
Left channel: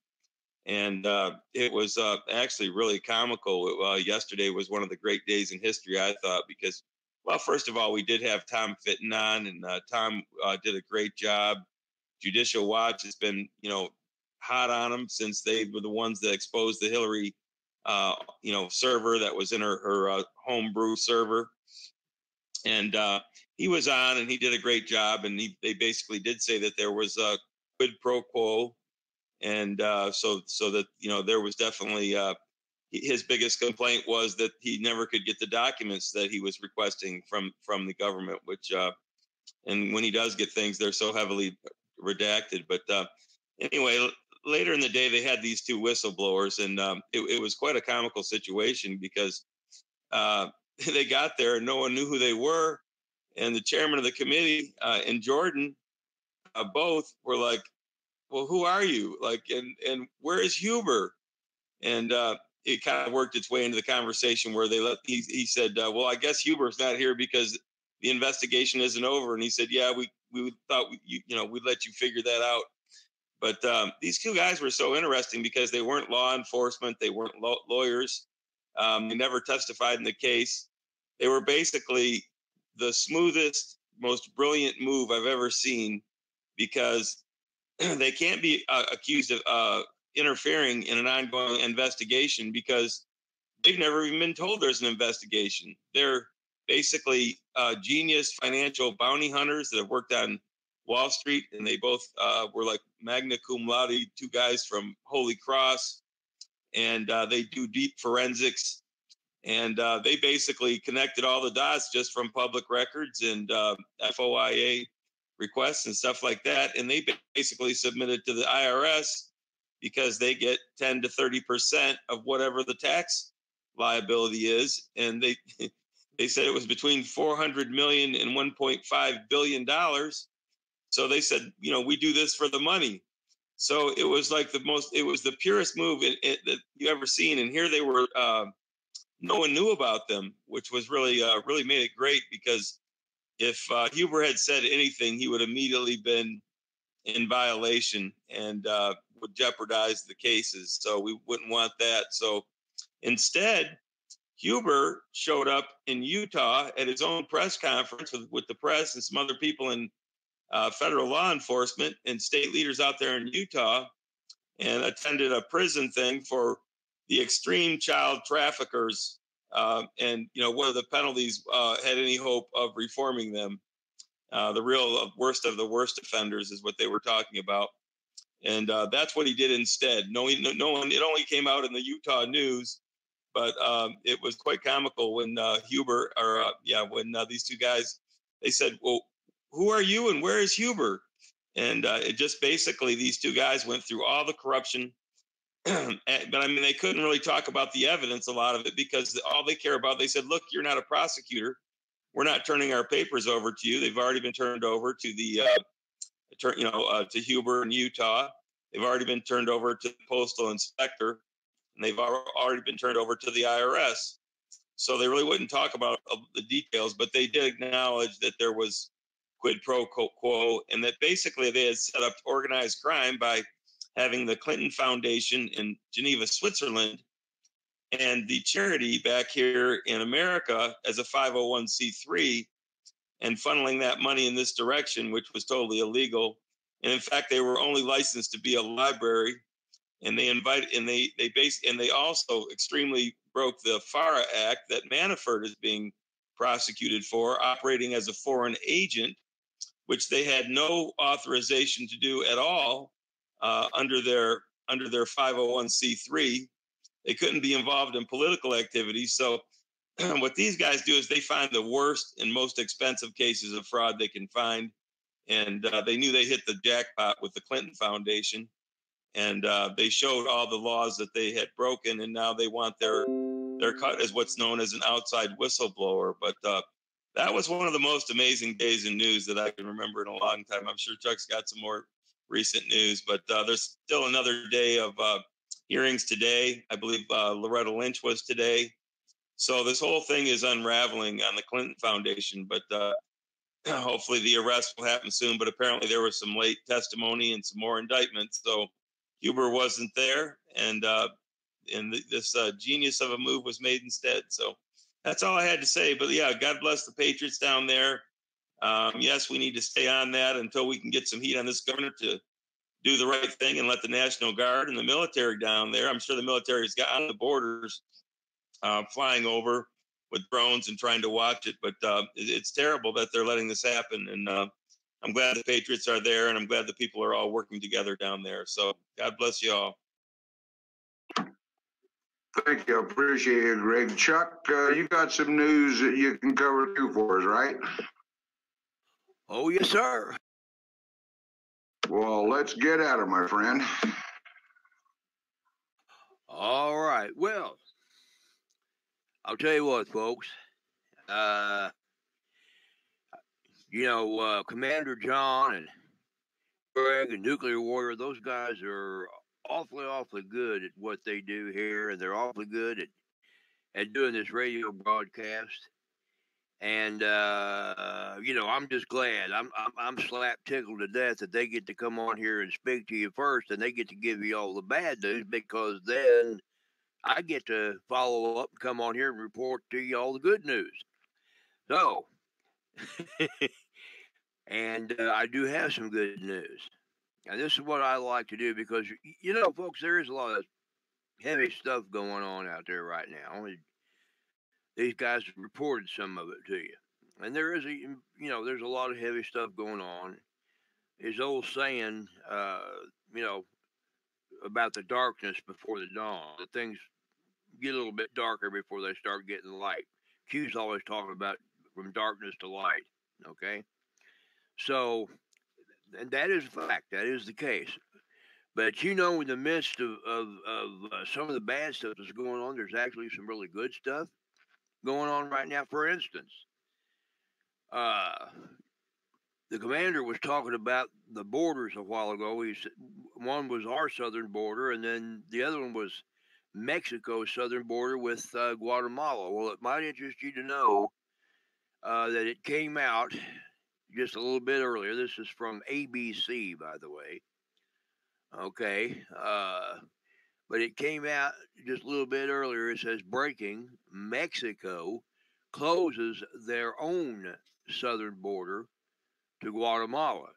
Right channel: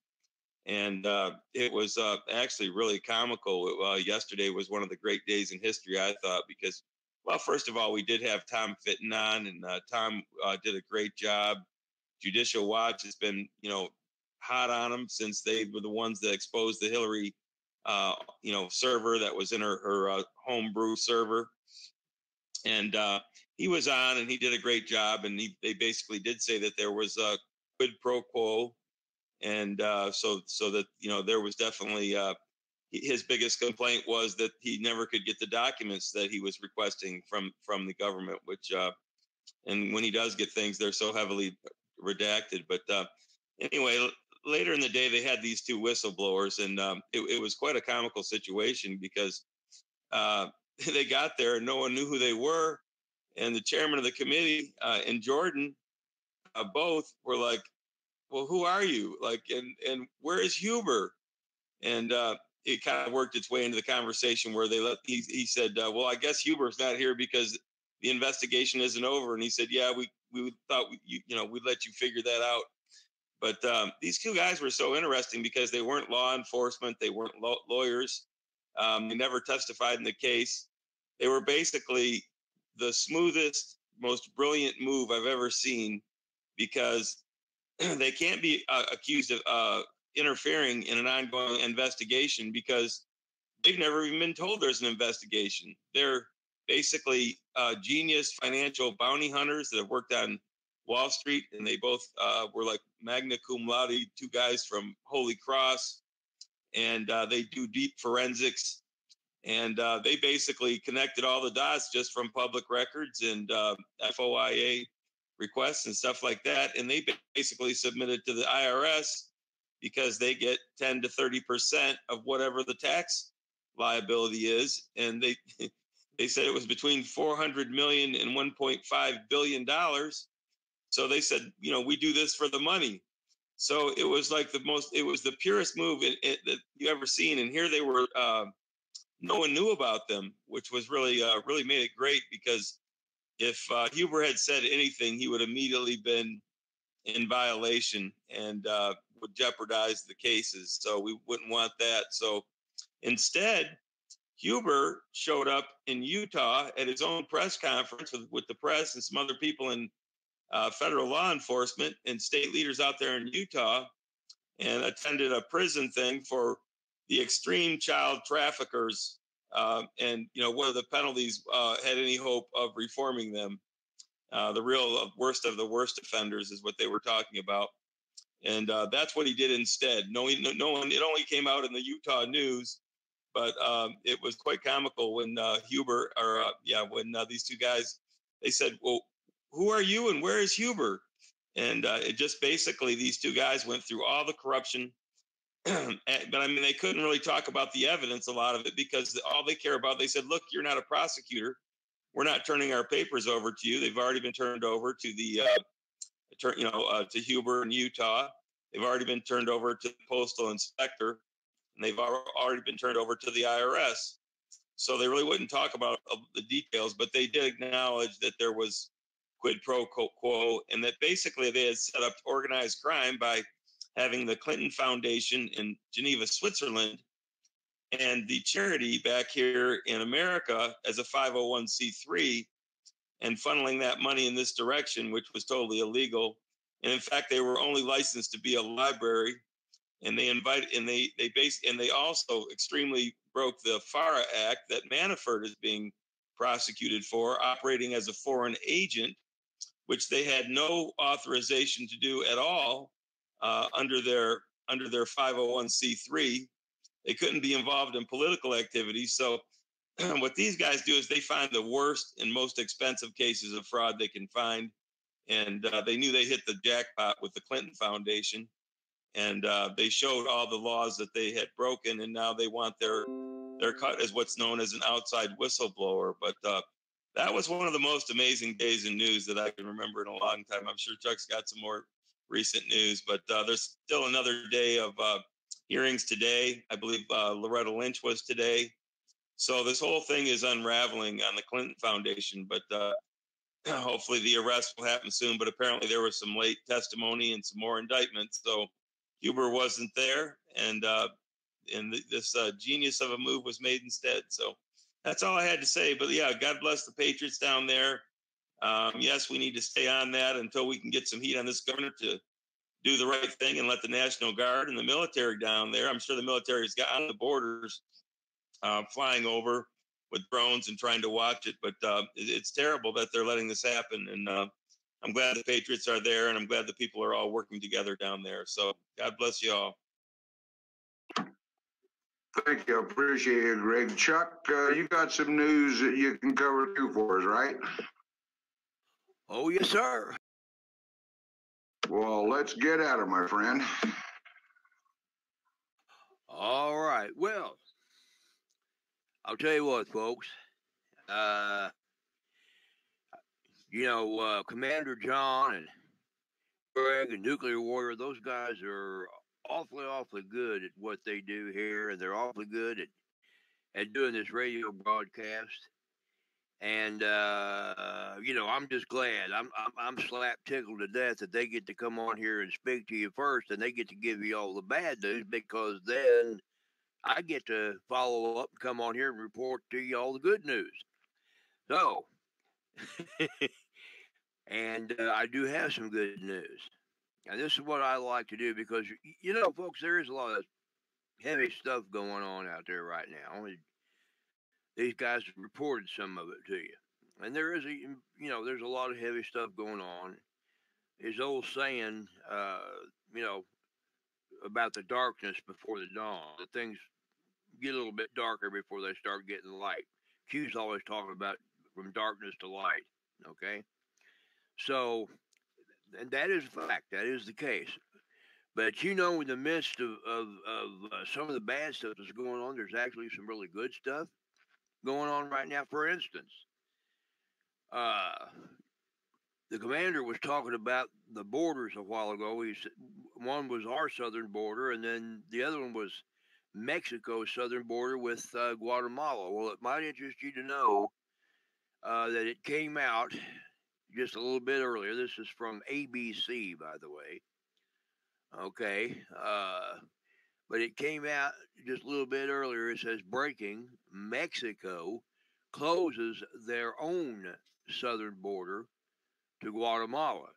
And it was actually really comical. Yesterday was one of the great days in history, I thought, because, well, first of all, we did have Tom Fitton on, and Tom did a great job. Judicial Watch has been, hot on them since they were the ones that exposed the Hillary, server that was in her homebrew server. And he was on, and he did a great job. And they basically did say that there was a quid pro quo. And so that, there was definitely his biggest complaint was that he never could get the documents that he was requesting from the government, which and when he does get things, they're so heavily redacted. But anyway, later in the day, they had these two whistleblowers, and it was quite a comical situation because they got there and no one knew who they were. And the chairman of the committee and Jordan both were like, well, who are you? Like, and where is Huber? And it kind of worked its way into the conversation where he said, well, I guess Huber's not here because the investigation isn't over. And he said, yeah, we thought we'd let you figure that out. But these two guys were so interesting because they weren't law enforcement. They weren't lawyers. They never testified in the case. They were basically the smoothest, most brilliant move I've ever seen, because they can't be accused of interfering in an ongoing investigation because they've never even been told there's an investigation. They're basically genius financial bounty hunters that have worked on Wall Street, and they both were like magna cum laude, two guys from Holy Cross, and they do deep forensics, and they basically connected all the dots just from public records and FOIA requests and stuff like that, and they basically submitted to the IRS because they get 10 to 30% of whatever the tax liability is, and they said it was between 400 million and 1.5 billion dollars. So they said, we do this for the money. So it was like it was the purest move that you ever seen. And here they were, no one knew about them, which was really made it great, because if Huber had said anything, he would immediately been in violation and would jeopardize the cases. So we wouldn't want that. So instead, Huber showed up in Utah at his own press conference with the press and some other people in federal law enforcement and state leaders out there in Utah, and attended a prison thing for the extreme child traffickers. And whether the penalties had any hope of reforming them. The real worst of the worst offenders is what they were talking about. And that's what he did instead. No one, it only came out in the Utah news, but it was quite comical when when these two guys, they said, well, who are you and where is Huber? And it just basically, these two guys went through all the corruption. But I mean, they couldn't really talk about the evidence, a lot of it, because all they care about, they said, look, you're not a prosecutor. We're not turning our papers over to you. They've already been turned over to the, to Huber in Utah. They've already been turned over to the postal inspector, and they've already been turned over to the IRS. So they really wouldn't talk about the details, but they did acknowledge that there was quid pro quo, and that basically they had set up organized crime by having the Clinton Foundation in Geneva, Switzerland, and the charity back here in America as a 501c3, and funneling that money in this direction, which was totally illegal. And in fact, they were only licensed to be a library, and they also extremely broke the FARA Act that Manafort is being prosecuted for, operating as a foreign agent, which they had no authorization to do at all under their 501c3. They couldn't be involved in political activities. So what these guys do is they find the worst and most expensive cases of fraud they can find. And they knew they hit the jackpot with the Clinton Foundation. And they showed all the laws that they had broken. And now they want their cut as what's known as an outside whistleblower. But that was one of the most amazing days in news that I can remember in a long time. I'm sure Chuck's got some more recent news, but there's still another day of hearings today. I believe Loretta Lynch was today. So this whole thing is unraveling on the Clinton Foundation, but hopefully the arrest will happen soon. But apparently there was some late testimony and some more indictments. So Huber wasn't there, and this genius of a move was made instead. So that's all I had to say. But yeah, God bless the Patriots down there. Yes, we need to stay on that until we can get some heat on this governor to do the right thing and let the National Guard and the military down there. I'm sure the military's got on the borders flying over with drones and trying to watch it. But it's terrible that they're letting this happen. And I'm glad the Patriots are there, and I'm glad the people are all working together down there. So God bless you all. Thank you. Appreciate it, Greg. Chuck, you got some news that you can cover too for us, right? Oh, yes, sir. Well, let's get at it, my friend. All right. Well, I'll tell you what, folks. Commander John and Greg and Nuclear Warrior, those guys are awfully good at what they do here, and they're awfully good at doing this radio broadcast. And I'm just glad. I'm slap tickled to death that they get to come on here and speak to you first, and they get to give you all the bad news, because then I get to follow up and come on here and report to you all the good news. So, and I do have some good news. And this is what I like to do, because, folks, there is a lot of heavy stuff going on out there right now. These guys reported some of it to you. And there is there's a lot of heavy stuff going on. His old saying, about the darkness before the dawn. That things get a little bit darker before they start getting light. Q's always talking about from darkness to light. Okay? So, and that is a fact. That is the case. But in the midst of some of the bad stuff that's going on, there's actually some really good stuff going on right now. For instance, the commander was talking about the borders a while ago. He said one was our southern border, and then the other one was Mexico's southern border with Guatemala. Well, it might interest you to know that it came out just a little bit earlier. This is from ABC, by the way. Okay. But it came out just a little bit earlier. It says, breaking, Mexico closes their own southern border to Guatemala.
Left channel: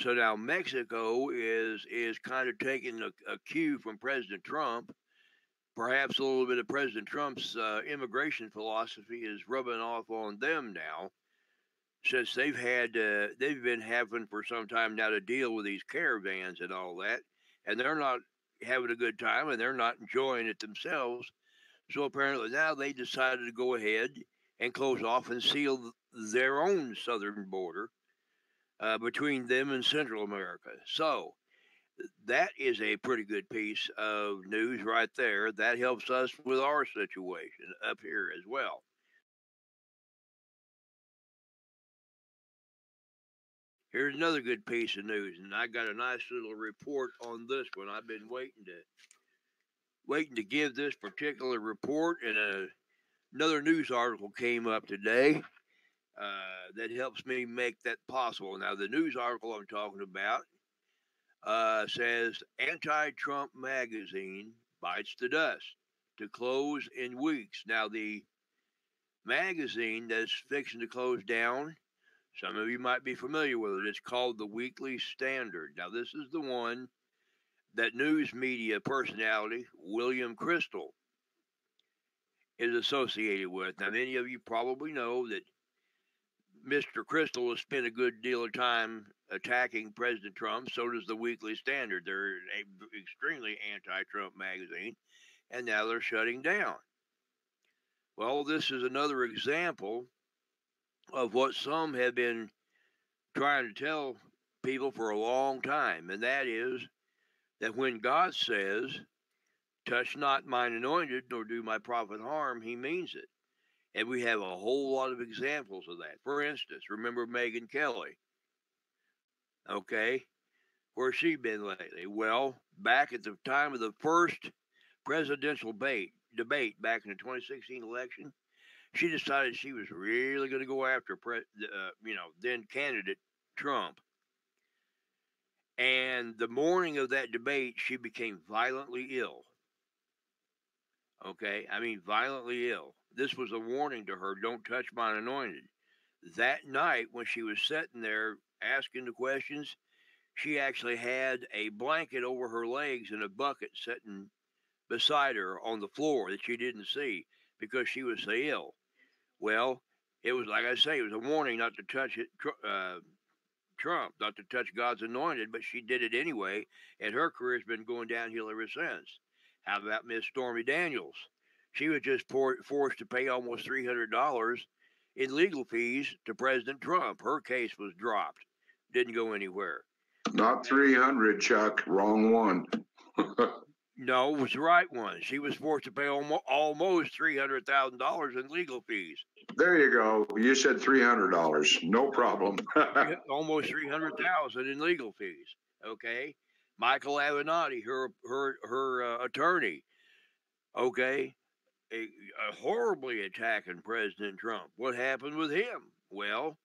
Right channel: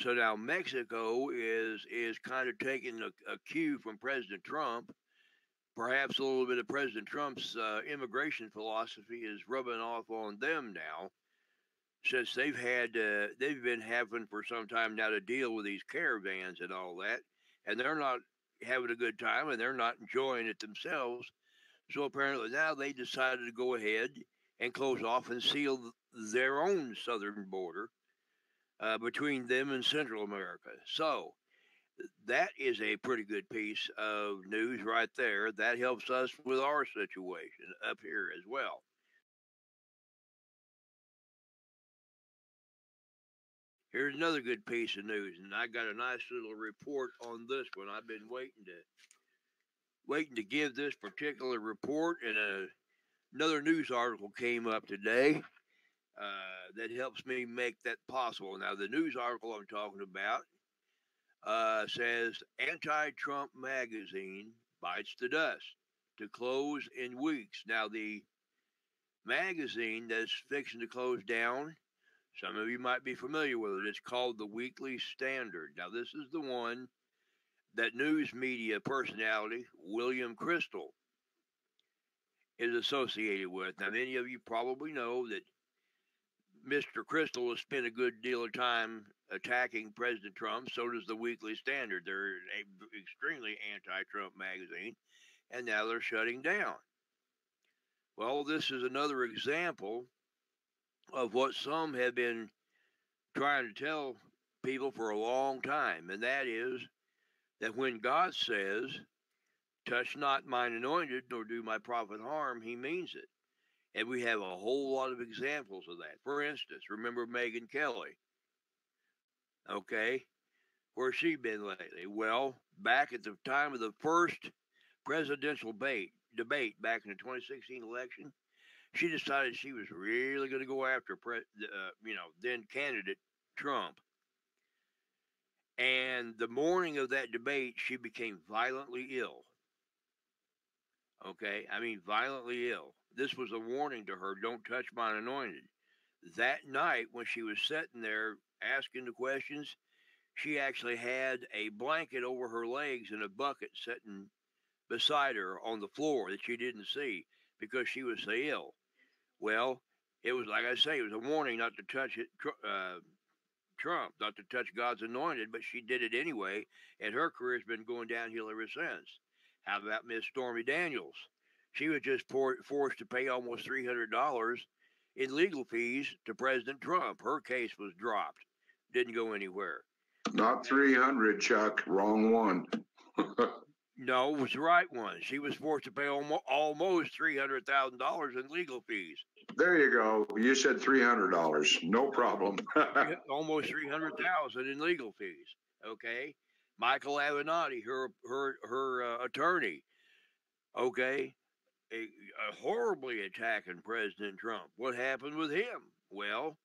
So now Mexico is kind of taking a cue from President Trump. Perhaps a little bit of President Trump's immigration philosophy is rubbing off on them now, since they've been having for some time now to deal with these caravans and all that, and they're not having a good time, and they're not enjoying it themselves. So apparently now they decided to go ahead and close off and seal their own southern border between them and Central America. So that is a pretty good piece of news right there. That helps us with our situation up here as well. Here's another good piece of news, and I got a nice little report on this one. I've been waiting to give this particular report, and another news article came up today. that helps me make that possible. Now, the news article I'm talking about says anti-Trump magazine bites the dust to close in weeks. Now, the magazine that's fixing to close down, some of you might be familiar with it. It's called the Weekly Standard. Now, this is the one that news media personality William Crystal is associated with. Now, many of you probably know that Mr. Crystal has spent a good deal of time attacking President Trump. So does the Weekly Standard. They're an extremely anti-Trump magazine, and now they're shutting down. Well, this is another example of what some have been trying to tell people for a long time, and that is that when God says, touch not mine anointed, nor do my prophet harm, he means it. And we have a whole lot of examples of that. For instance, remember Megyn Kelly? Okay, where's she been lately? Well, back at the time of the first presidential debate back in the 2016 election, she decided she was really going to go after, then candidate Trump. And the morning of that debate, she became violently ill. Okay, I mean violently ill. This was a warning to her, don't touch mine anointed. That night, when she was sitting there asking the questions, she actually had a blanket over her legs and a bucket sitting beside her on the floor that she didn't see because she was so ill. Well, it was, like I say, it was a warning not to touch it, Trump, not to touch God's anointed, but she did it anyway, and her career's been going downhill ever since. How about Miss Stormy Daniels? She was just forced to pay almost $300 in legal fees to President Trump. Her case was dropped. Didn't go anywhere. Not 300, Chuck. Wrong one. No, it was the right one. She was forced to pay almost $300,000 in legal fees. There you go. You said $300. No problem. Almost $300,000 in legal fees. Okay, Michael Avenatti, her attorney. Okay, horribly attacking President Trump. What happened with him? Well,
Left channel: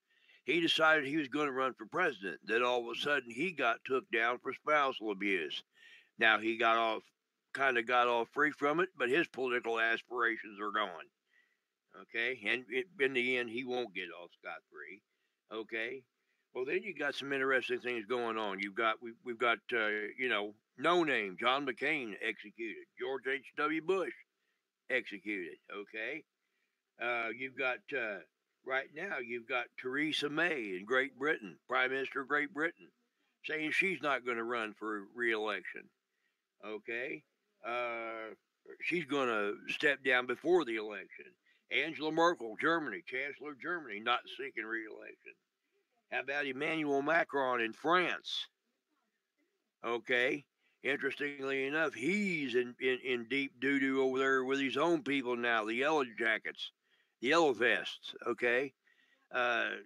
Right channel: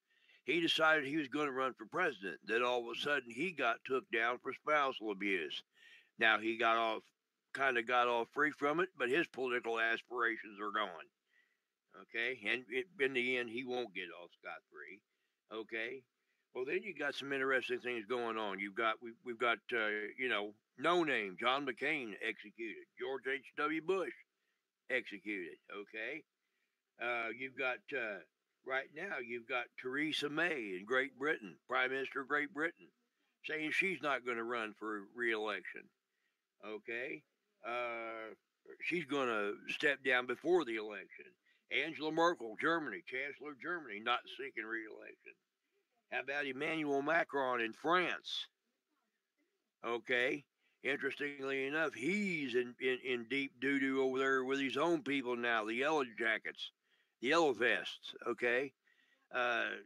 he decided he was going to run for president. Then all of a sudden, he got took down for spousal abuse. Now he got off free from it, but his political aspirations are gone. Okay, and in the end, he won't get off scot-free. Okay, well then you got some interesting things going on. We've got no name John McCain executed, George H.W. Bush executed. Okay, you've got right now you've got Theresa May in Great Britain, Prime Minister of Great Britain, saying she's not going to run for re-election. Okay, she's going to step down before the election. Angela Merkel, Germany, Chancellor of Germany, not seeking re-election. How about Emmanuel Macron in France? Okay, interestingly enough, he's in deep doo-doo over there with his own people now, the yellow jackets, the yellow vests, okay?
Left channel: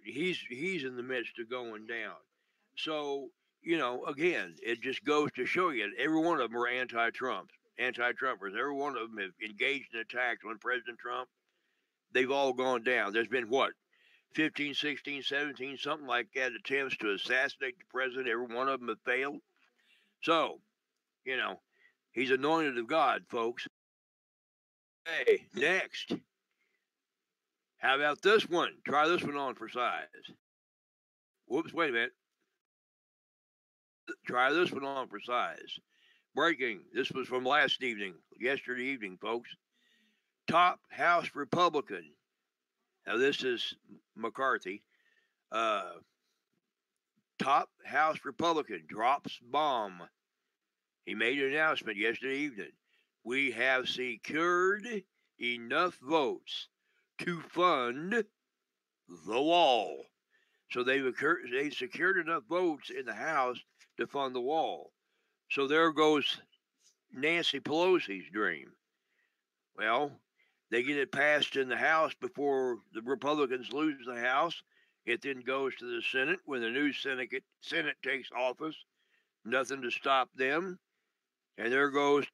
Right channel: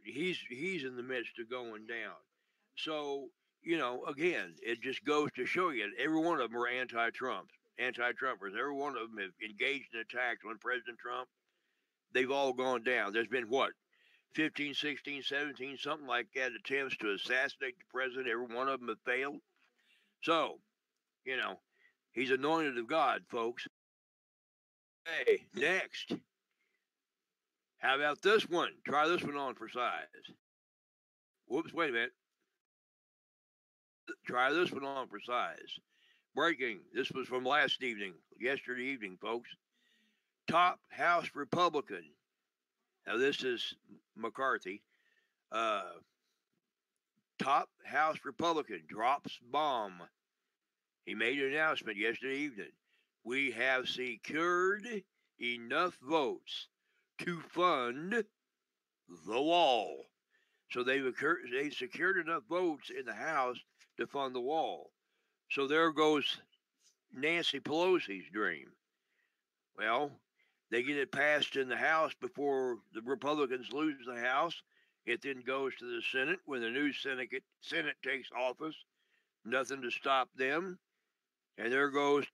He's in the midst of going down. So, again, it just goes to show you, every one of them are anti-Trumpers. Every one of them have engaged in attacks on President Trump. They've all gone down. There's been, 15, 16, 17, something like that, attempts to assassinate the president. Every one of them have failed. So, he's anointed of God, folks. Hey, next. How about this one? Try this one on for size. Whoops, wait a minute. Try this one on for size. Breaking. This was from yesterday evening, folks. Top House Republican. Now, this is McCarthy. Top House Republican drops bomb. He made an announcement yesterday evening. We have secured enough votes to fund the wall. So they secured enough votes in the House to fund the wall. So there goes Nancy Pelosi's dream. Well, they get it passed in the House before the Republicans lose the House. It then goes to the Senate. When the new Senate takes office, nothing to stop them. And there goes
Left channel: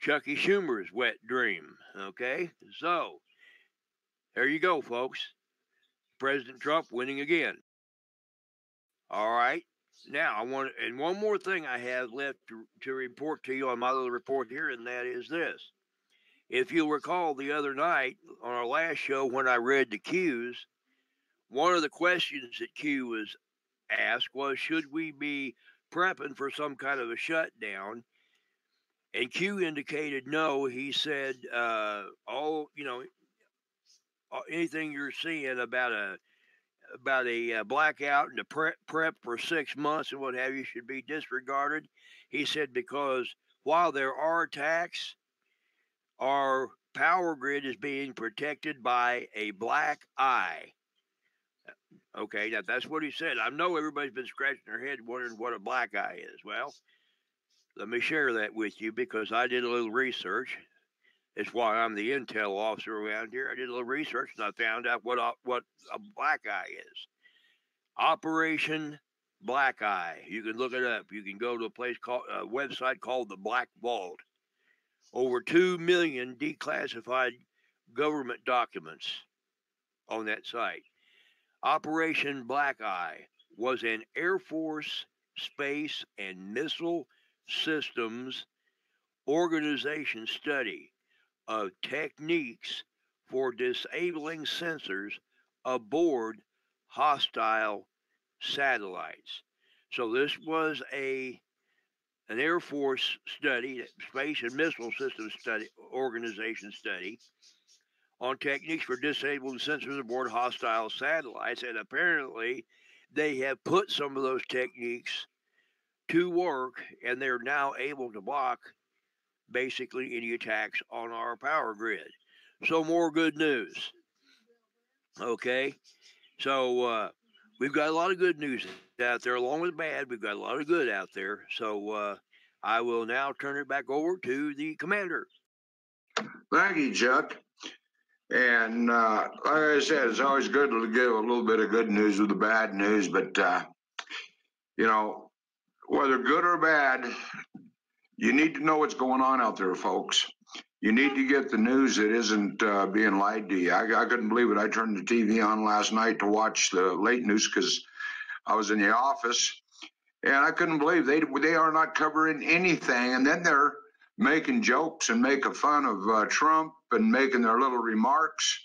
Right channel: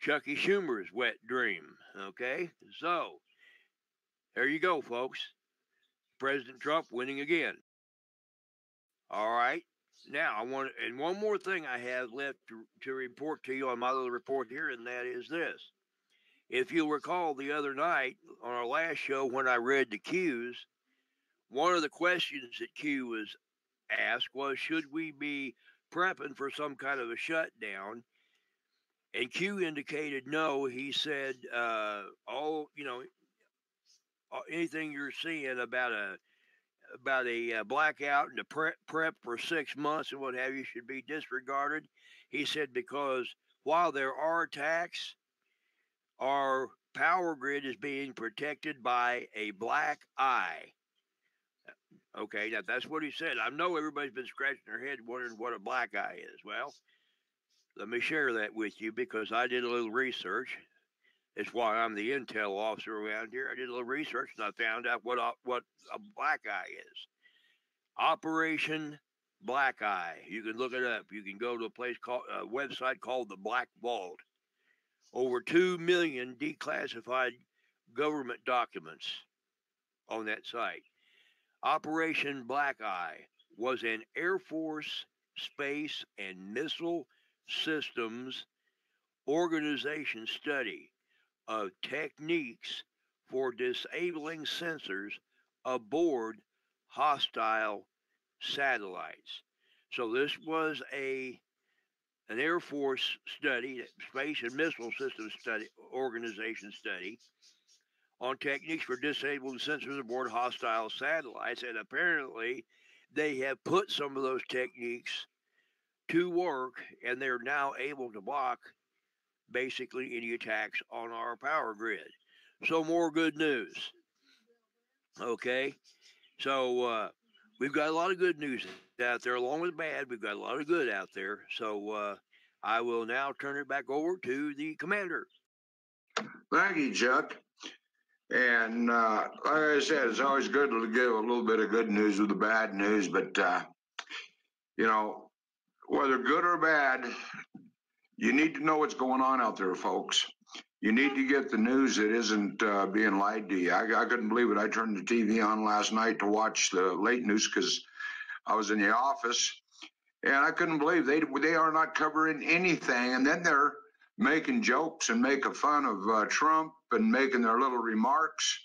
Chucky Schumer's wet dream. Okay? So, there you go, folks. President Trump winning again. All right. Now, and one more thing I have left to report to you on my little report here, and that is this. If you'll recall the other night on our last show when I read the Qs, one of the questions that Q was asked was, should we be prepping for some kind of a shutdown? And Q indicated no. He said, anything you're seeing about a blackout and the prep for 6 months and what have you should be disregarded. He said because while there are attacks, our power grid is being protected by a black eye. Okay, now that's what he said. I know everybody's been scratching their head wondering what a black eye is. Well, let me share that with you because I did a little research. It's why I'm the intel officer around here. I did a little research and I found out what a black eye is. Operation Black Eye. You can look it up. You can go to a website called the Black Vault. Over 2 million declassified government documents on that site. Operation Black Eye was an Air Force, Space, and Missile Systems organization study of techniques for disabling sensors aboard hostile satellites. So this was an Air Force study, Space and Missile Systems study organization study on techniques for disabling sensors aboard hostile satellites, and apparently they have put some of those techniques to work, and they're now able to block basically any attacks on our power grid. So more good news. Okay, so we've got a lot of good news out there, along with bad. We've got a lot of good out there. So I will now turn it back over to the commander. Thank you, Chuck. And like I said, it's always good to give a little bit of good news with the bad news. But, whether good or bad, you need to know what's going on out there, folks. You need to get the news that isn't being lied to you. I couldn't believe it. I turned the TV on last night to watch the late news because I was in the office, and I couldn't believe they are not covering anything. And then they're making jokes and making fun of Trump and making their little remarks.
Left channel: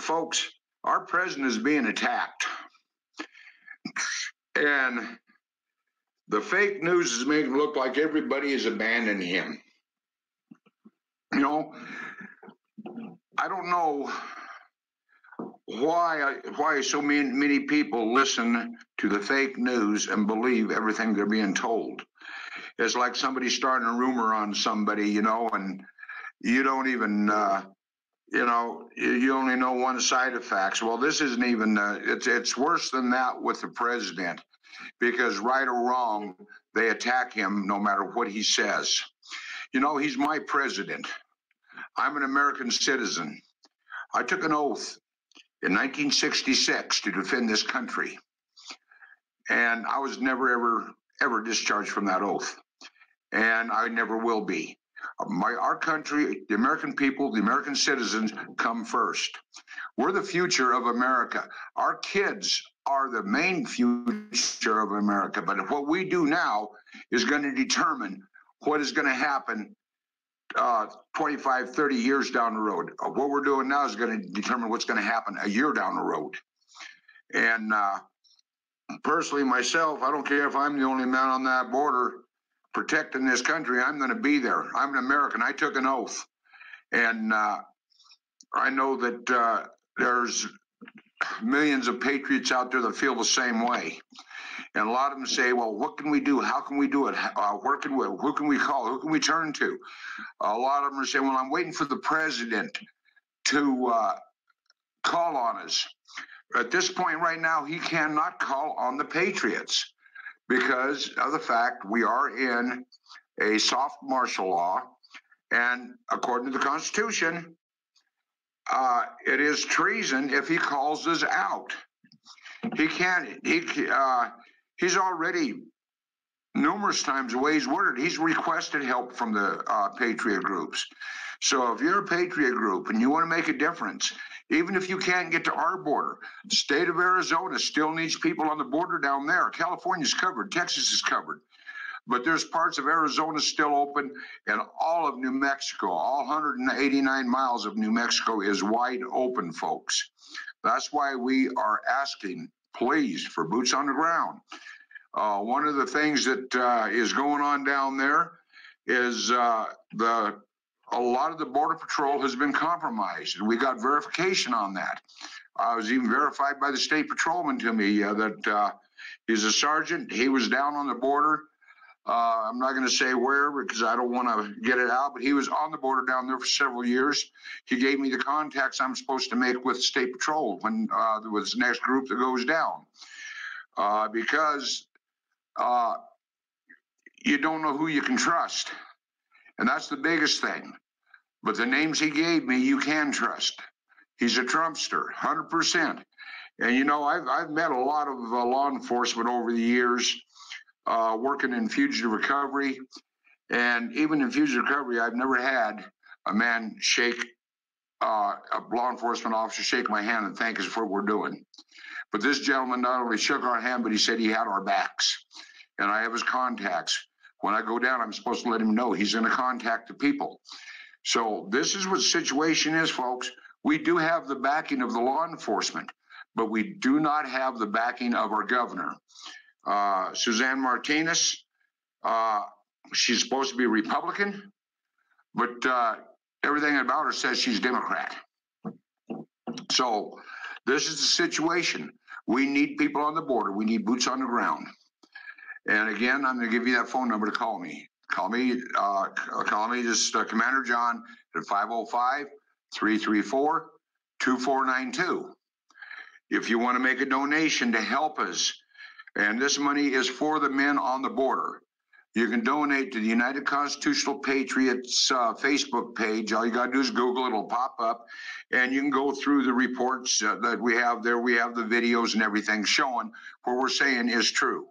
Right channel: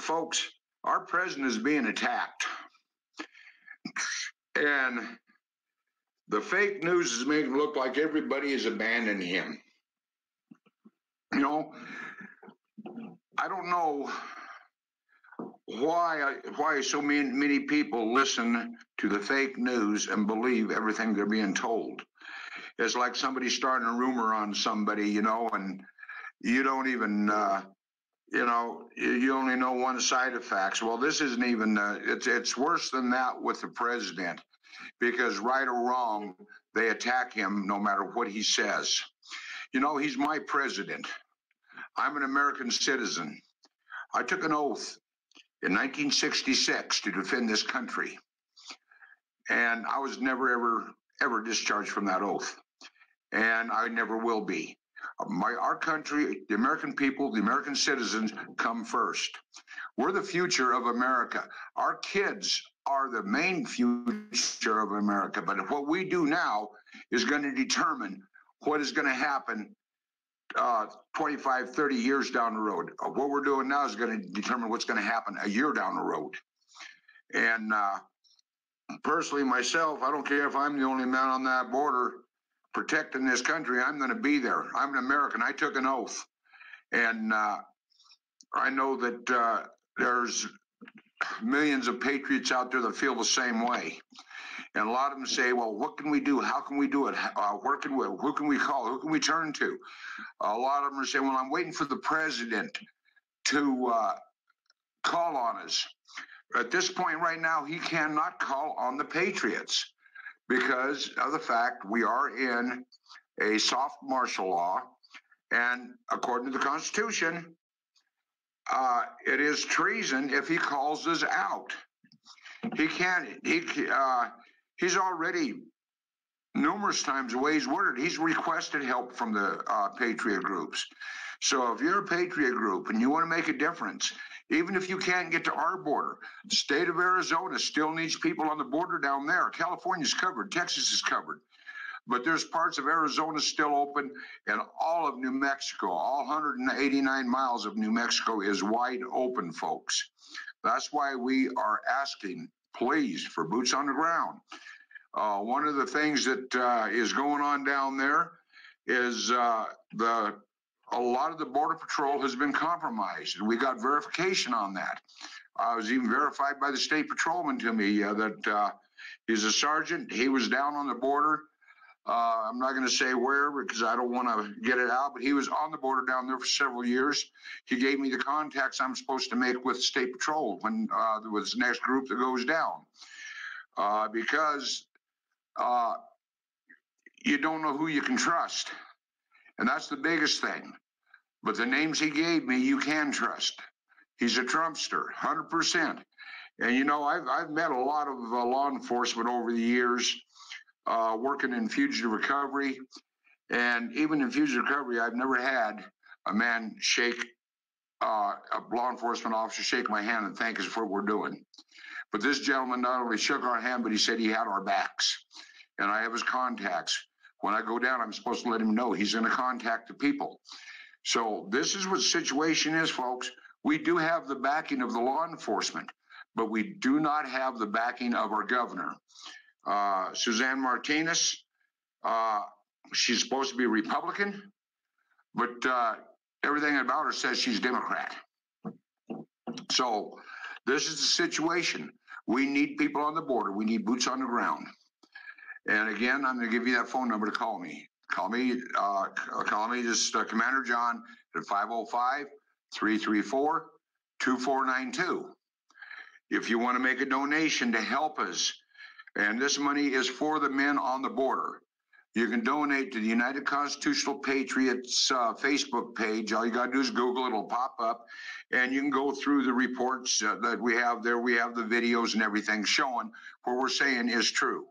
Folks, our president is being attacked. And the fake news is making it look like everybody is abandoning him. I don't know why so many people listen to the fake news and believe everything they're being told. It's like somebody starting a rumor on somebody, and you don't even, you only know one side of facts. Well, this isn't even, it's worse than that with the president, because right or wrong, they attack him no matter what he says. He's my president. I'm an American citizen. I took an oath in 1966 to defend this country. And I was never, ever discharged from that oath. And I never will be. Our country, the American people, the American citizens come first. We're the future of America. Our kids are the main future of America. But what we do now is going to determine what is going to happen 25, 30 years down the road. What we're doing now is going to determine what's going to happen a year down the road. And personally, myself, I don't care if I'm the only man on that border protecting this country. I'm going to be there. I'm an American. I took an oath. And I know that there's millions of patriots out there that feel the same way. And a lot of them say, well, what can we do? How can we do it? Who can we call? Who can we turn to? A lot of them are saying, well, I'm waiting for the president to call on us. At this point right now, he cannot call on the patriots because of the fact we are in a soft martial law. And according to the Constitution, it is treason if he calls us out. He can't. He's already numerous times the way he's worded, he's requested help from the Patriot groups. So if you're a Patriot group and you want to make a difference, even if you can't get to our border, the state of Arizona still needs people on the border down there. California's covered, Texas is covered, but there's parts of Arizona still open, and all of New Mexico, all 189 miles of New Mexico is wide open, folks. That's why we are asking, please, for boots on the ground. One of the things that is going on down there is a lot of the Border Patrol has been compromised, and we got verification on that. I was even verified by the state patrolman to me that he's a sergeant. He was down on the border. I'm not going to say where because I don't want to get it out, but he was on the border down there for several years. He gave me the contacts I'm supposed to make with State Patrol when there was the next group that goes down. Because you don't know who you can trust. And that's the biggest thing. But the names he gave me, you can trust. He's a Trumpster, 100%. And, you know, I've met a lot of law enforcement over the years working in fugitive recovery. And even in fugitive recovery, I've never had a man shake, a law enforcement officer shake my hand and thank us for what we're doing. But this gentleman not only shook our hand, but he said he had our backs. And I have his contacts. When I go down, I'm supposed to let him know he's going to contact the people. So this is what the situation is, folks. We do have the backing of the law enforcement, but we do not have the backing of our governor. Suzanne Martinez, she's supposed to be Republican, but everything about her says she's Democrat. So this is the situation. We need people on the border. We need boots on the ground. And again, I'm going to give you that phone number to call me. Call me, just Commander John at 505-334-2492. If you want to make a donation to help us, and this money is for the men on the border, you can donate to the United Constitutional Patriots Facebook page. All you got to do is Google, it'll pop up, and you can go through the reports that we have there. We have the videos and everything showing what we're saying is true.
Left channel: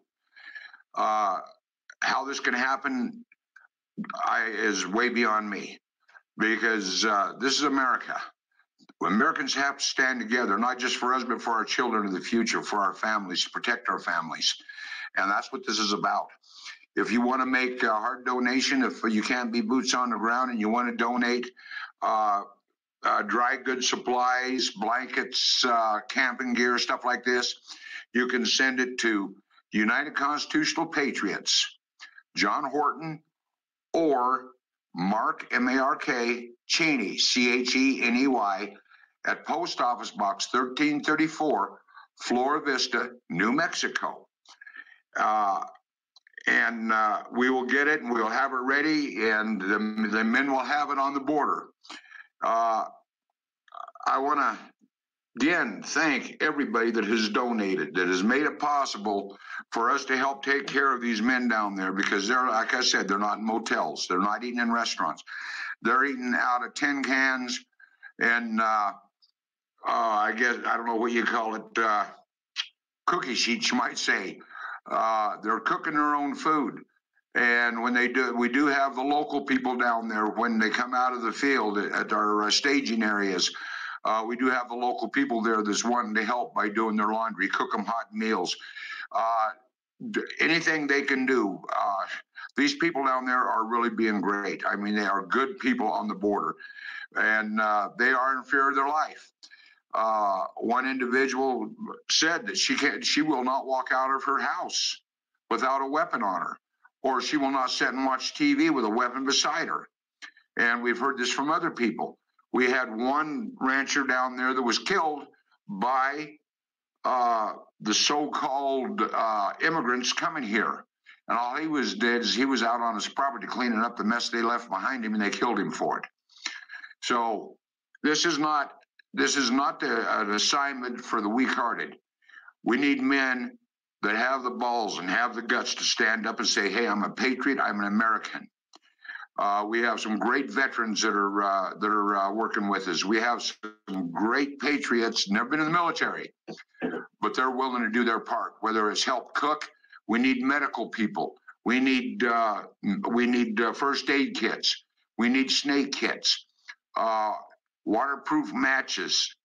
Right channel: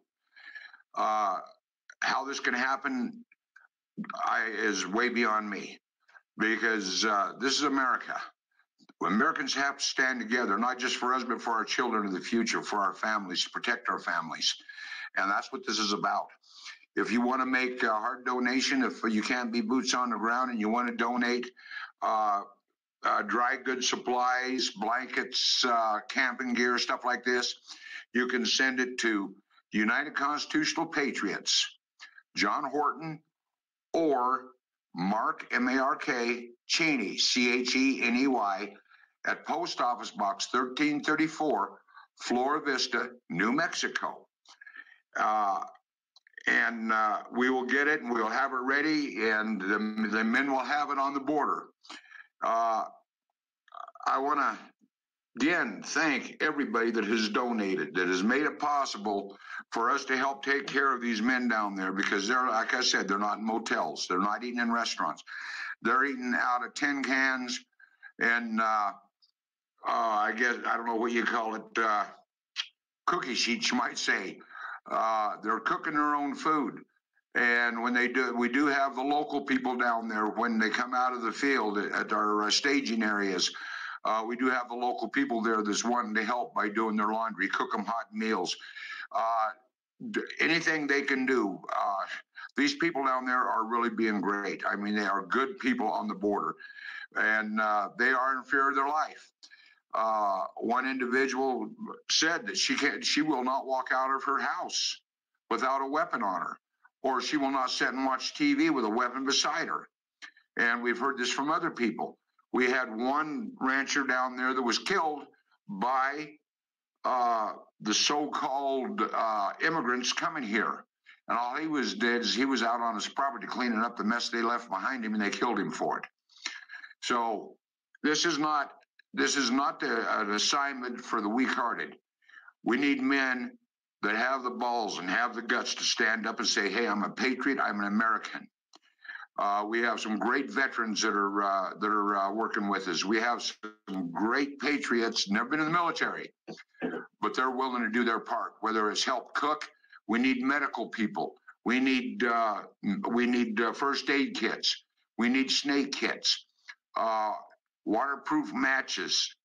How this can happen is way beyond me, because this is America. Americans have to stand together, not just for us, but for our children in the future, for our families, to protect our families. And that's what this is about. If you want to make a hard donation, if you can't be boots on the ground and you want to donate dry goods supplies, blankets, camping gear, stuff like this, you can send it to United Constitutional Patriots, John Horton, or Mark, M-A-R-K, Cheney, C-H-E-N-E-Y, at Post Office Box 1334, Flora Vista, New Mexico. And we will get it, and we'll have it ready, and the men will have it on the border. I want to, again, thank everybody that has donated, that has made it possible for us to help take care of these men down there, because they're, like I said, they're not in motels. They're not eating in restaurants. They're eating out of tin cans and I guess, I don't know what you call it, cookie sheets, you might say. They're cooking their own food. And when they do, we do have the local people down there when they come out of the field at our staging areas. We do have the local people there that's wanting to help by doing their laundry, cook them hot meals. Anything they can do. These people down there are really being great. I mean, they are good people on the border, and they are in fear of their life. One individual said that she will not walk out of her house without a weapon on her, or she will not sit and watch TV with a weapon beside her. And we've heard this from other people. We had one rancher down there that was killed by the so-called immigrants coming here. And all he was dead is he was out on his property cleaning up the mess they left behind him, and they killed him for it. So this is not an assignment for the weak-hearted. We need men that have the balls and have the guts to stand up and say, hey, I'm a patriot, I'm an American. We have some great veterans that are working with us. We have some great patriots, never been in the military, but they're willing to do their part, whether it's help cook. We need medical people. We need first aid kits. We need snake kits, waterproof matches,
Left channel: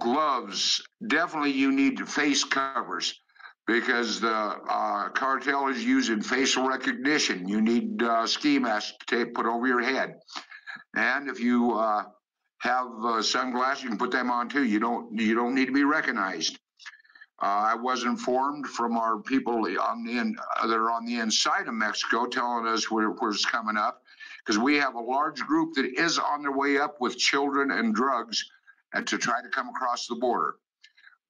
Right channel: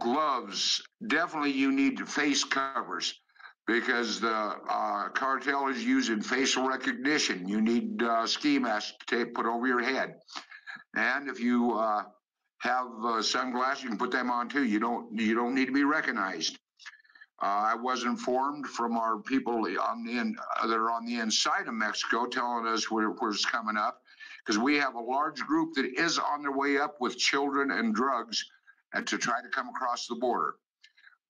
gloves. Definitely, you need face covers because the cartel is using facial recognition. You need ski masks to put over your head, and if you have sunglasses, you can put them on too. You don't need to be recognized. I was informed from our people that are on the inside of Mexico telling us where's coming up, because we have a large group that is on their way up with children and drugs and to try to come across the border.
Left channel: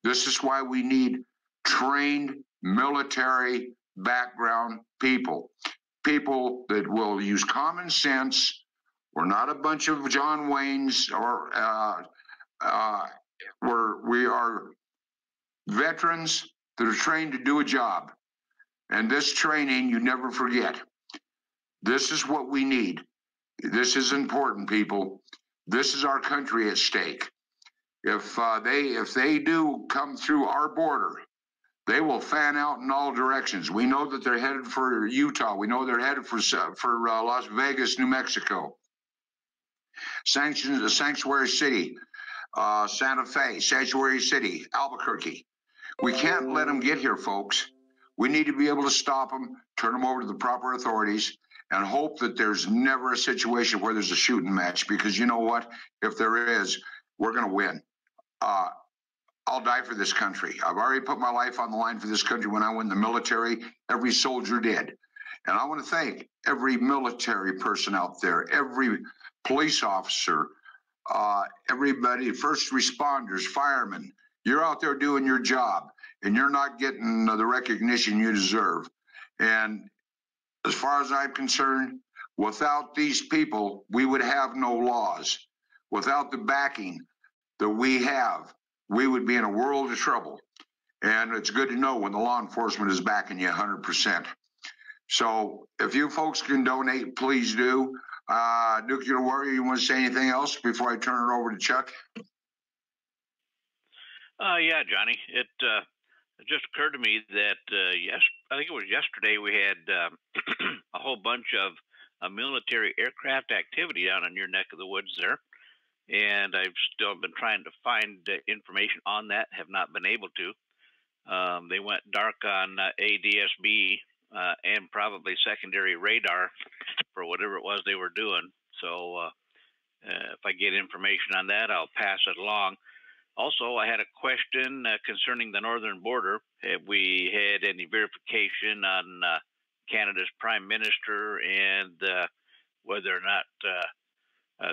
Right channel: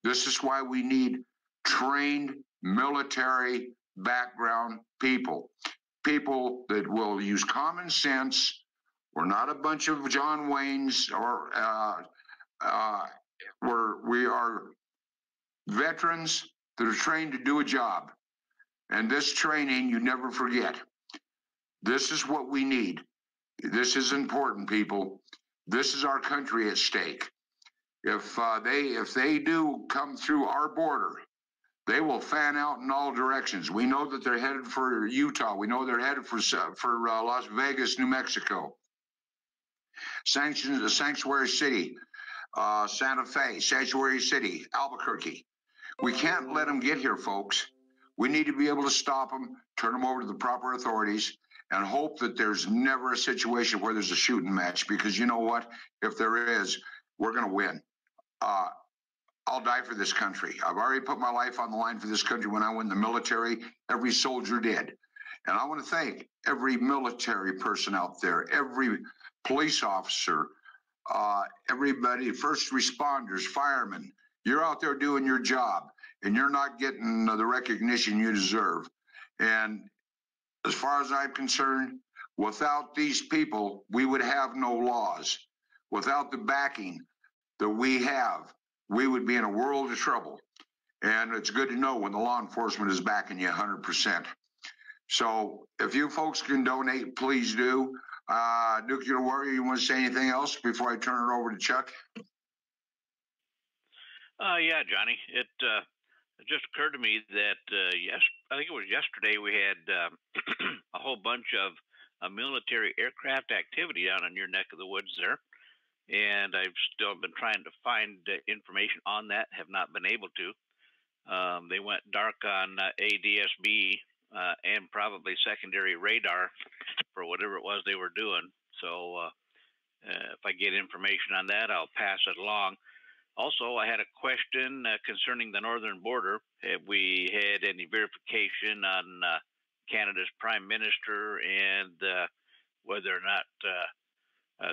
This is why we need trained military background people that will use common sense. We're not a bunch of John Waynes, or we are veterans that are trained to do a job. And this training, you never forget. This is what we need. This is important, people. This is our country at stake. If they do come through our border, they will fan out in all directions. We know that they're headed for Utah. We know they're headed for Las Vegas, New Mexico. Sanctuary City, Santa Fe, Sanctuary City, Albuquerque. We can't let them get here, folks. We need to be able to stop them, turn them over to the proper authorities, and hope that there's never a situation where there's a shooting match, because you know what? If there is, we're going to win. I'll die for this country. I've already put my life on the line for this country when I went in the military. Every soldier did. And I want to thank every military person out there, every police officer, everybody, first responders, firemen. You're out there doing your job, and you're not getting the recognition you deserve. And as far as I'm concerned, without these people, we would have no laws. Without the backing that we have, we would be in a world of trouble. And it's good to know when the law enforcement is backing you 100%. So if you folks can donate, please do. Nuclear Warrior, you want to say anything else before I turn it over to Chuck? Yeah, Johnny. It just occurred to me that I think it was yesterday we had a whole bunch of military aircraft activity down in your neck of the woods there, and I've still been trying to find information on that. Have not been able to. They went dark on ADSB and probably secondary radar for whatever it was they were doing. So if I get information on that, I'll pass it along. Also, I had a question concerning the northern border. Have we had any verification on Canada's Prime Minister and whether or not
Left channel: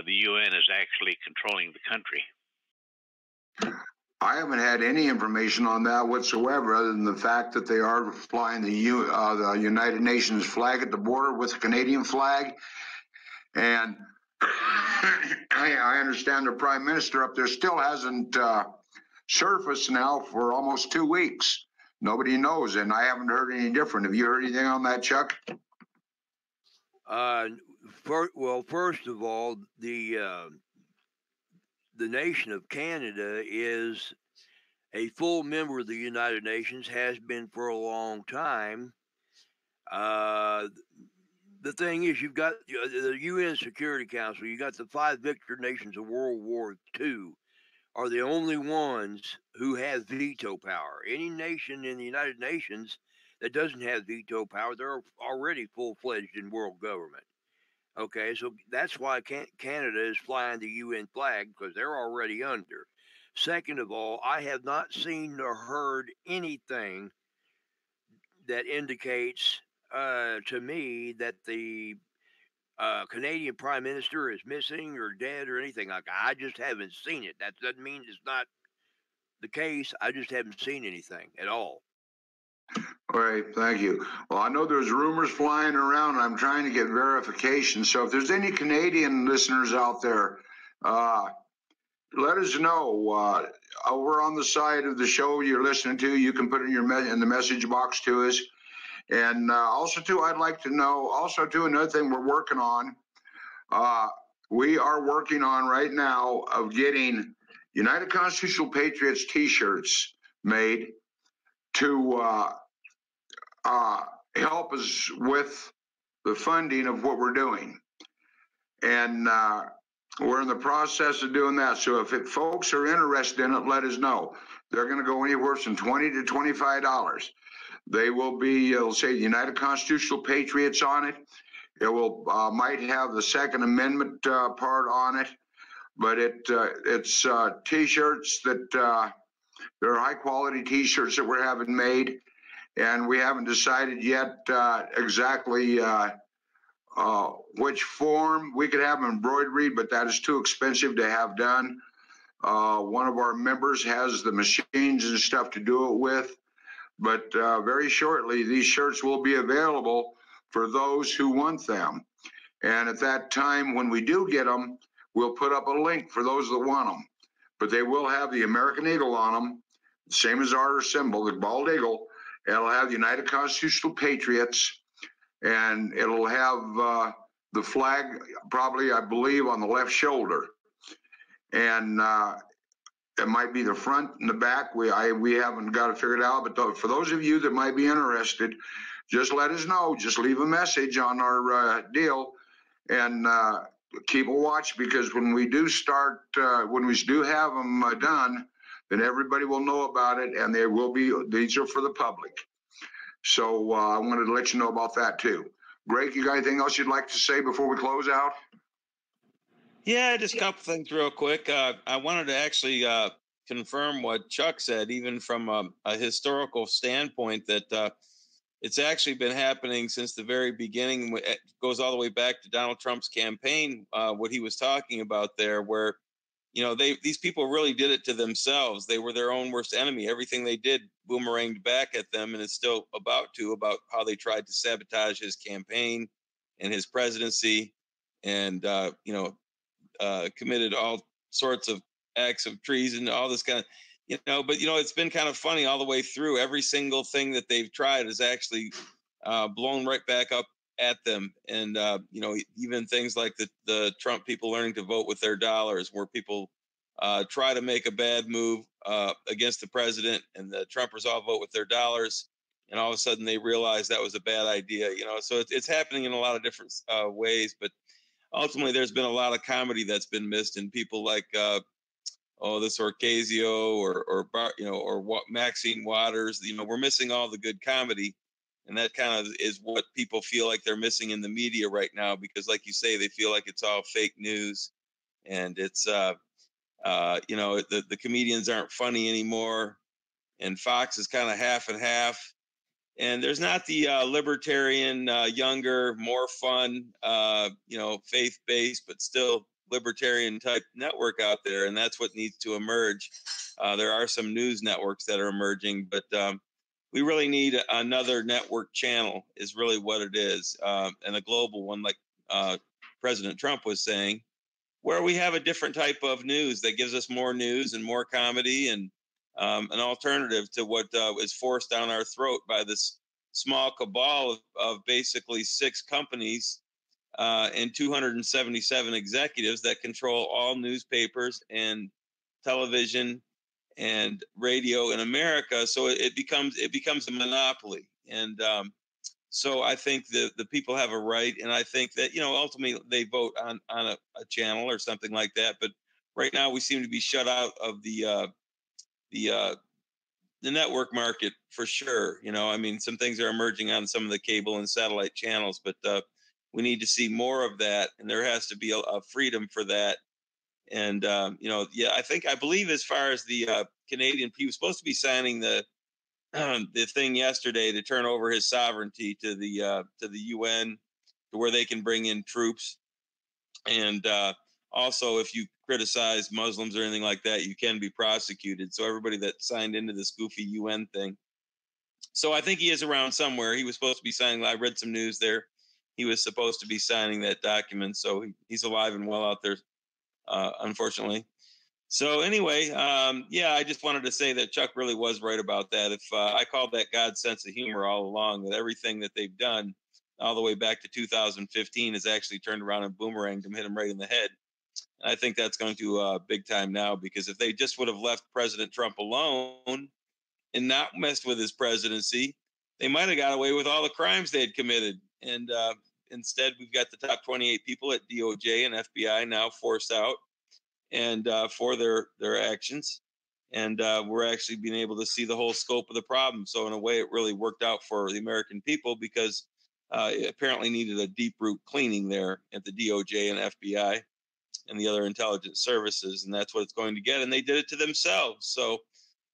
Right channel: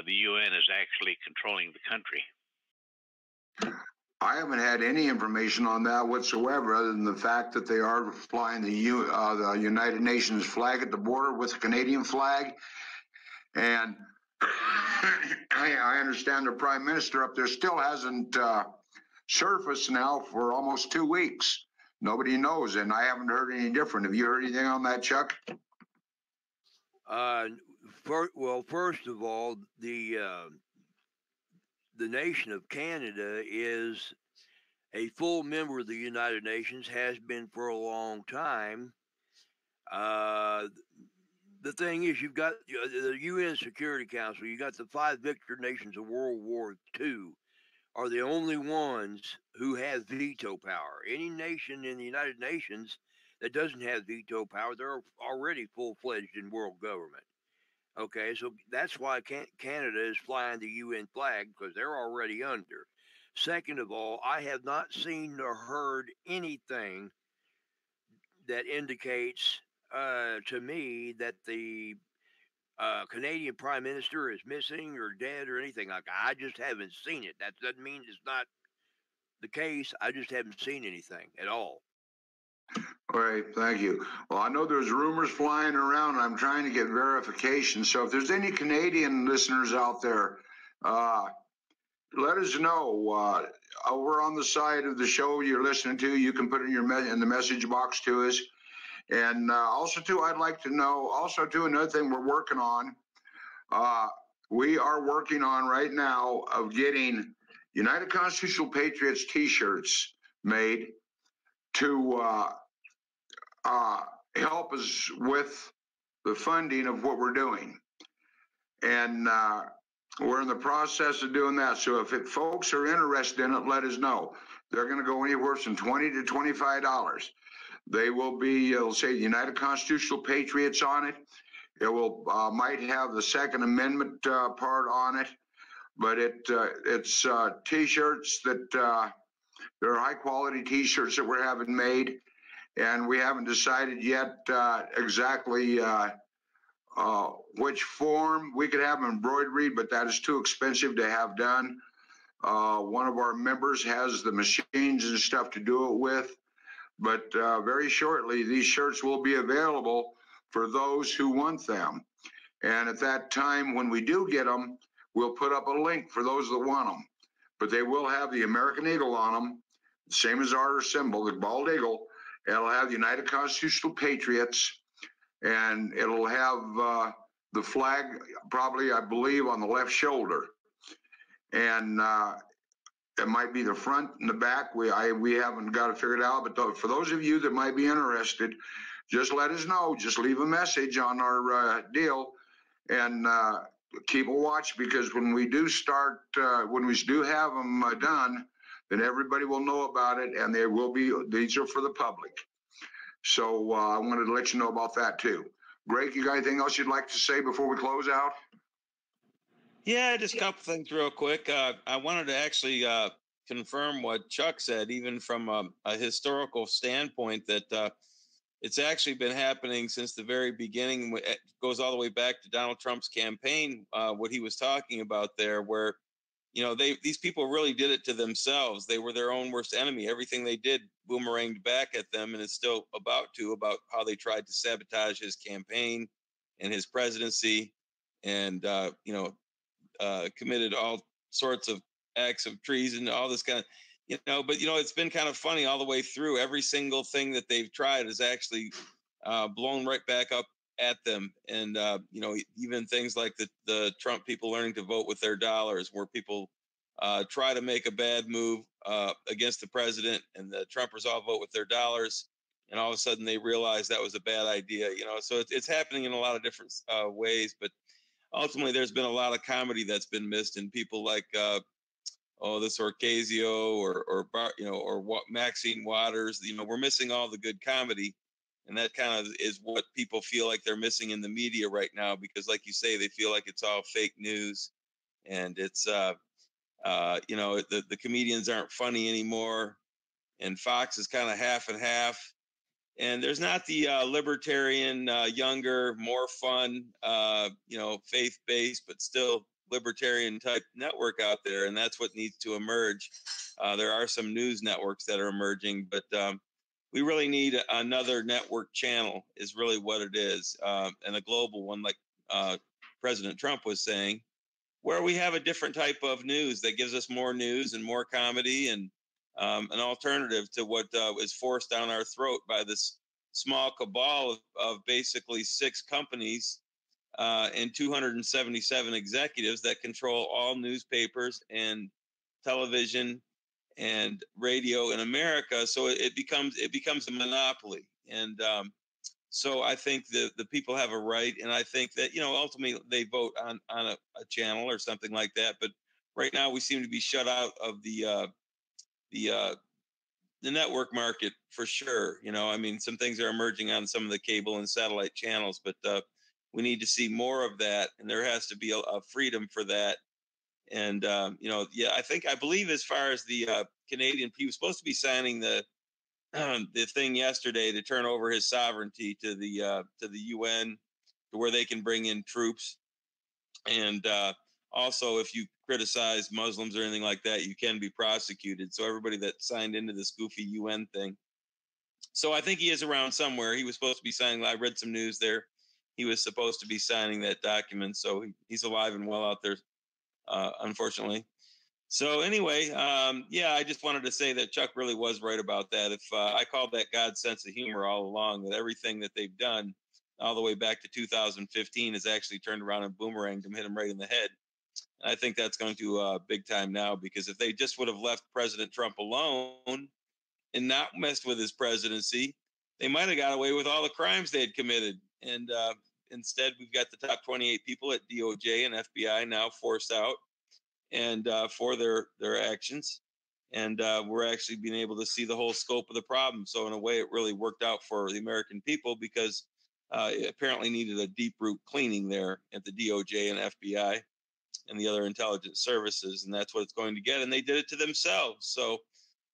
the UN is actually controlling the country? I haven't had any information on that whatsoever, other than the fact that they are flying the United Nations flag at the border with the Canadian flag. And I understand the Prime Minister up there still hasn't surfaced now for almost 2 weeks. Nobody knows, and I haven't heard any different. Have you heard anything on that, Chuck? First of all, the nation of Canada is a full member of the United Nations, has been for a long time. The thing is, you've got the UN Security Council, you got the 5 victor nations of World War II are the only ones who have veto power. Any nation in the United Nations that doesn't have veto power, they're already full-fledged in world government. Okay, so that's why Canada is flying the UN flag, because they're already under. Second of all, I have not seen or heard anything that indicates to me that the Canadian Prime Minister is missing or dead or anything like that. I just haven't seen it. That doesn't mean it's not the case. I just haven't seen anything at all. All right, thank you. Well, I know there's rumors flying around, and I'm trying to get verification. So if there's any Canadian listeners out there, let us know. Over on the side of the show you're listening to, you can put it in the message box to us. And also, too, I'd like to know, also, too, another thing we're working on, we are working on right now of getting United Constitutional Patriots T-shirts made to help us with the funding of what we're doing. And we're in the process of doing that. So if folks are interested in it, let us know. They're going to go anywhere from $20 to $25. They will be, it'll say United Constitutional Patriots on it. It will might have the Second Amendment part on it, but it's T-shirts that they're high quality T-shirts that we're having made, and we haven't decided yet exactly which form. We could have embroidery, but that is too expensive to have done. One of our members has the machines and stuff to do it with, but very shortly these shirts will be available for those who want them. And at that time, when we do get them, we'll put up a link for those that want them. But they will have the American Eagle on them, same as our symbol, the bald eagle. It'll have the United Constitutional Patriots, and it'll have the flag, probably, I believe, on the left shoulder. And it might be the front and the back. We haven't got it figured out. But for those of you that might be interested, just let us know. Just leave a message on our deal, and keep a watch, because when we do start, when we do have them done, then everybody will know about it, and they will be. These are for the public. So I wanted to let you know about that too. Greg, you got anything else you'd like to say before we close out? Yeah, just a couple things real quick. I wanted to actually confirm what Chuck said, even from a historical standpoint, that it's actually been happening since the very beginning. It goes all the way back to Donald Trump's campaign, what he was talking about there, where, you know, these people really did it to themselves. They were their own worst enemy. Everything they did boomeranged back at them, and it's still about how they tried to sabotage his campaign and his presidency, and committed all sorts of acts of treason, all this kind of, but it's been kind of funny all the way through. Every single thing that they've tried is actually blown right back up at them. And even things like the Trump people learning to vote with their dollars, where people try to make a bad move against the president, and the Trumpers all vote with their dollars, and all of a sudden they realize that was a bad idea. So it's happening in a lot of different ways, but ultimately there's been a lot of comedy that's been missed, and people like this Ocasio or Maxine Waters, we're missing all the good comedy. And that kind of is what people feel like they're missing in the media right now, because like you say, they feel like it's all fake news, and it's the comedians aren't funny anymore, and Fox is kind of half and half. And there's not the libertarian, younger, more fun, faith-based, but still libertarian type network out there. And that's what needs to emerge. There are some news networks that are emerging, but we really need another network channel is really what it is. And a global one, like President Trump was saying, where we have a different type of news that gives us more news and more comedy, and an alternative to what is forced down our throat by this small cabal of basically 6 companies and 277 executives that control all newspapers and television and radio in America. So it becomes a monopoly. And so I think the people have a right, and I think that, ultimately they vote on a channel or something like that. But right now we seem to be shut out of the network market for sure. Some things are emerging on some of the cable and satellite channels, but we need to see more of that, and there has to be a freedom for that. And I believe as far as the Canadian, he was supposed to be signing the thing yesterday to turn over his sovereignty to the UN, to where they can bring in troops. And also, if you criticize Muslims or anything like that, you can be prosecuted. So everybody that signed into this goofy UN thing. So I think he is around somewhere. He was supposed to be signing. I read some news there. He was supposed to be signing that document. So he's alive and well out there, unfortunately. So anyway, I just wanted to say that Chuck really was right about that. If I called that God's sense of humor all along, that everything that they've done all the way back to 2015 has actually turned around and boomeranged them, hit him right in the head. And I think that's going to big time now, because if they just would have left President Trump alone and not messed with his presidency, they might have got away with all the crimes they had committed. And instead, we've got the top 28 people at DOJ and FBI now forced out and for their actions. And we're actually being able to see the whole scope of the problem. So in a way, it really worked out for the American people because it apparently needed a deep root cleaning there at the DOJ and FBI and the other intelligence services. And that's what it's going to get. And they did it to themselves. So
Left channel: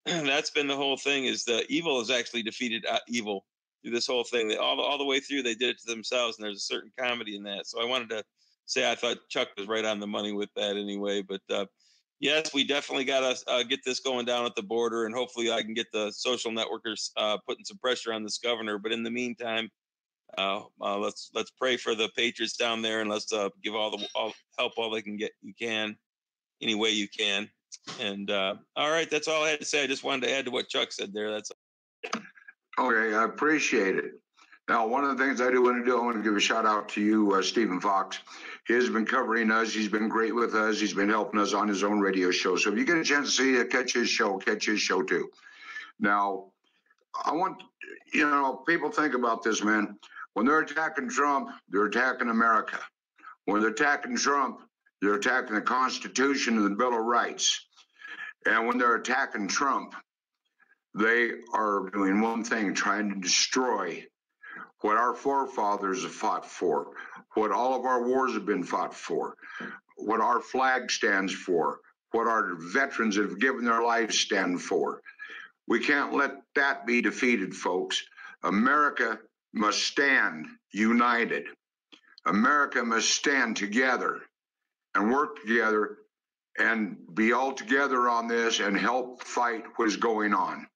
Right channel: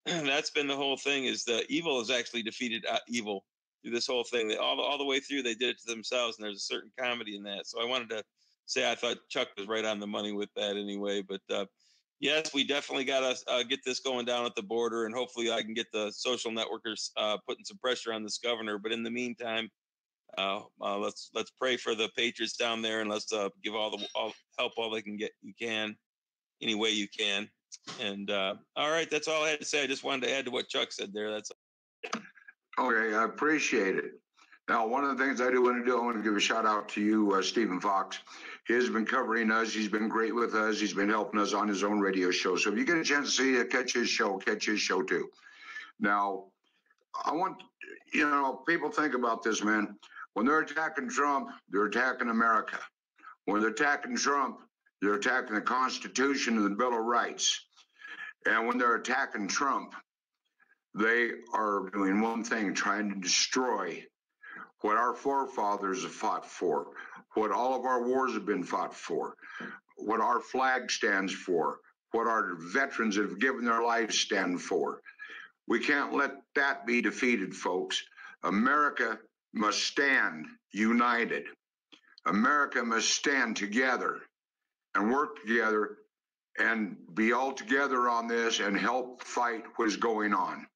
that's been the whole thing, is the evil has actually defeated evil through this whole thing. All the way through, they did it to themselves, and there's a certain comedy in that. So I wanted to say I thought Chuck was right on the money with that anyway. But yes, we definitely got to get this going down at the border, and hopefully I can get the social networkers putting some pressure on this governor. But in the meantime, let's pray for the Patriots down there, and let's give all help all they can get. You can, any way you can. And all right, that's all I had to say. I just wanted to add to what Chuck said there. That's okay. I appreciate it. Now, one of the things I do want to do, I want to give a shout out to you, Stephen Fox. He has been covering us. He's been great with us. He's been helping us on his own radio show. So if you get a chance to see it, catch his show too. Now, I want, people think about this, man. When they're attacking Trump, they're attacking America. When they're attacking Trump, they're attacking the Constitution and the Bill of Rights. And when they're attacking Trump, they are doing one thing, trying to destroy what our forefathers have fought for, what all of our wars have been fought for, what our flag stands for, what our veterans that have given their lives stand for. We can't let that be defeated, folks. America must stand united. America must stand together and work together and be all together on this and help fight what is going on.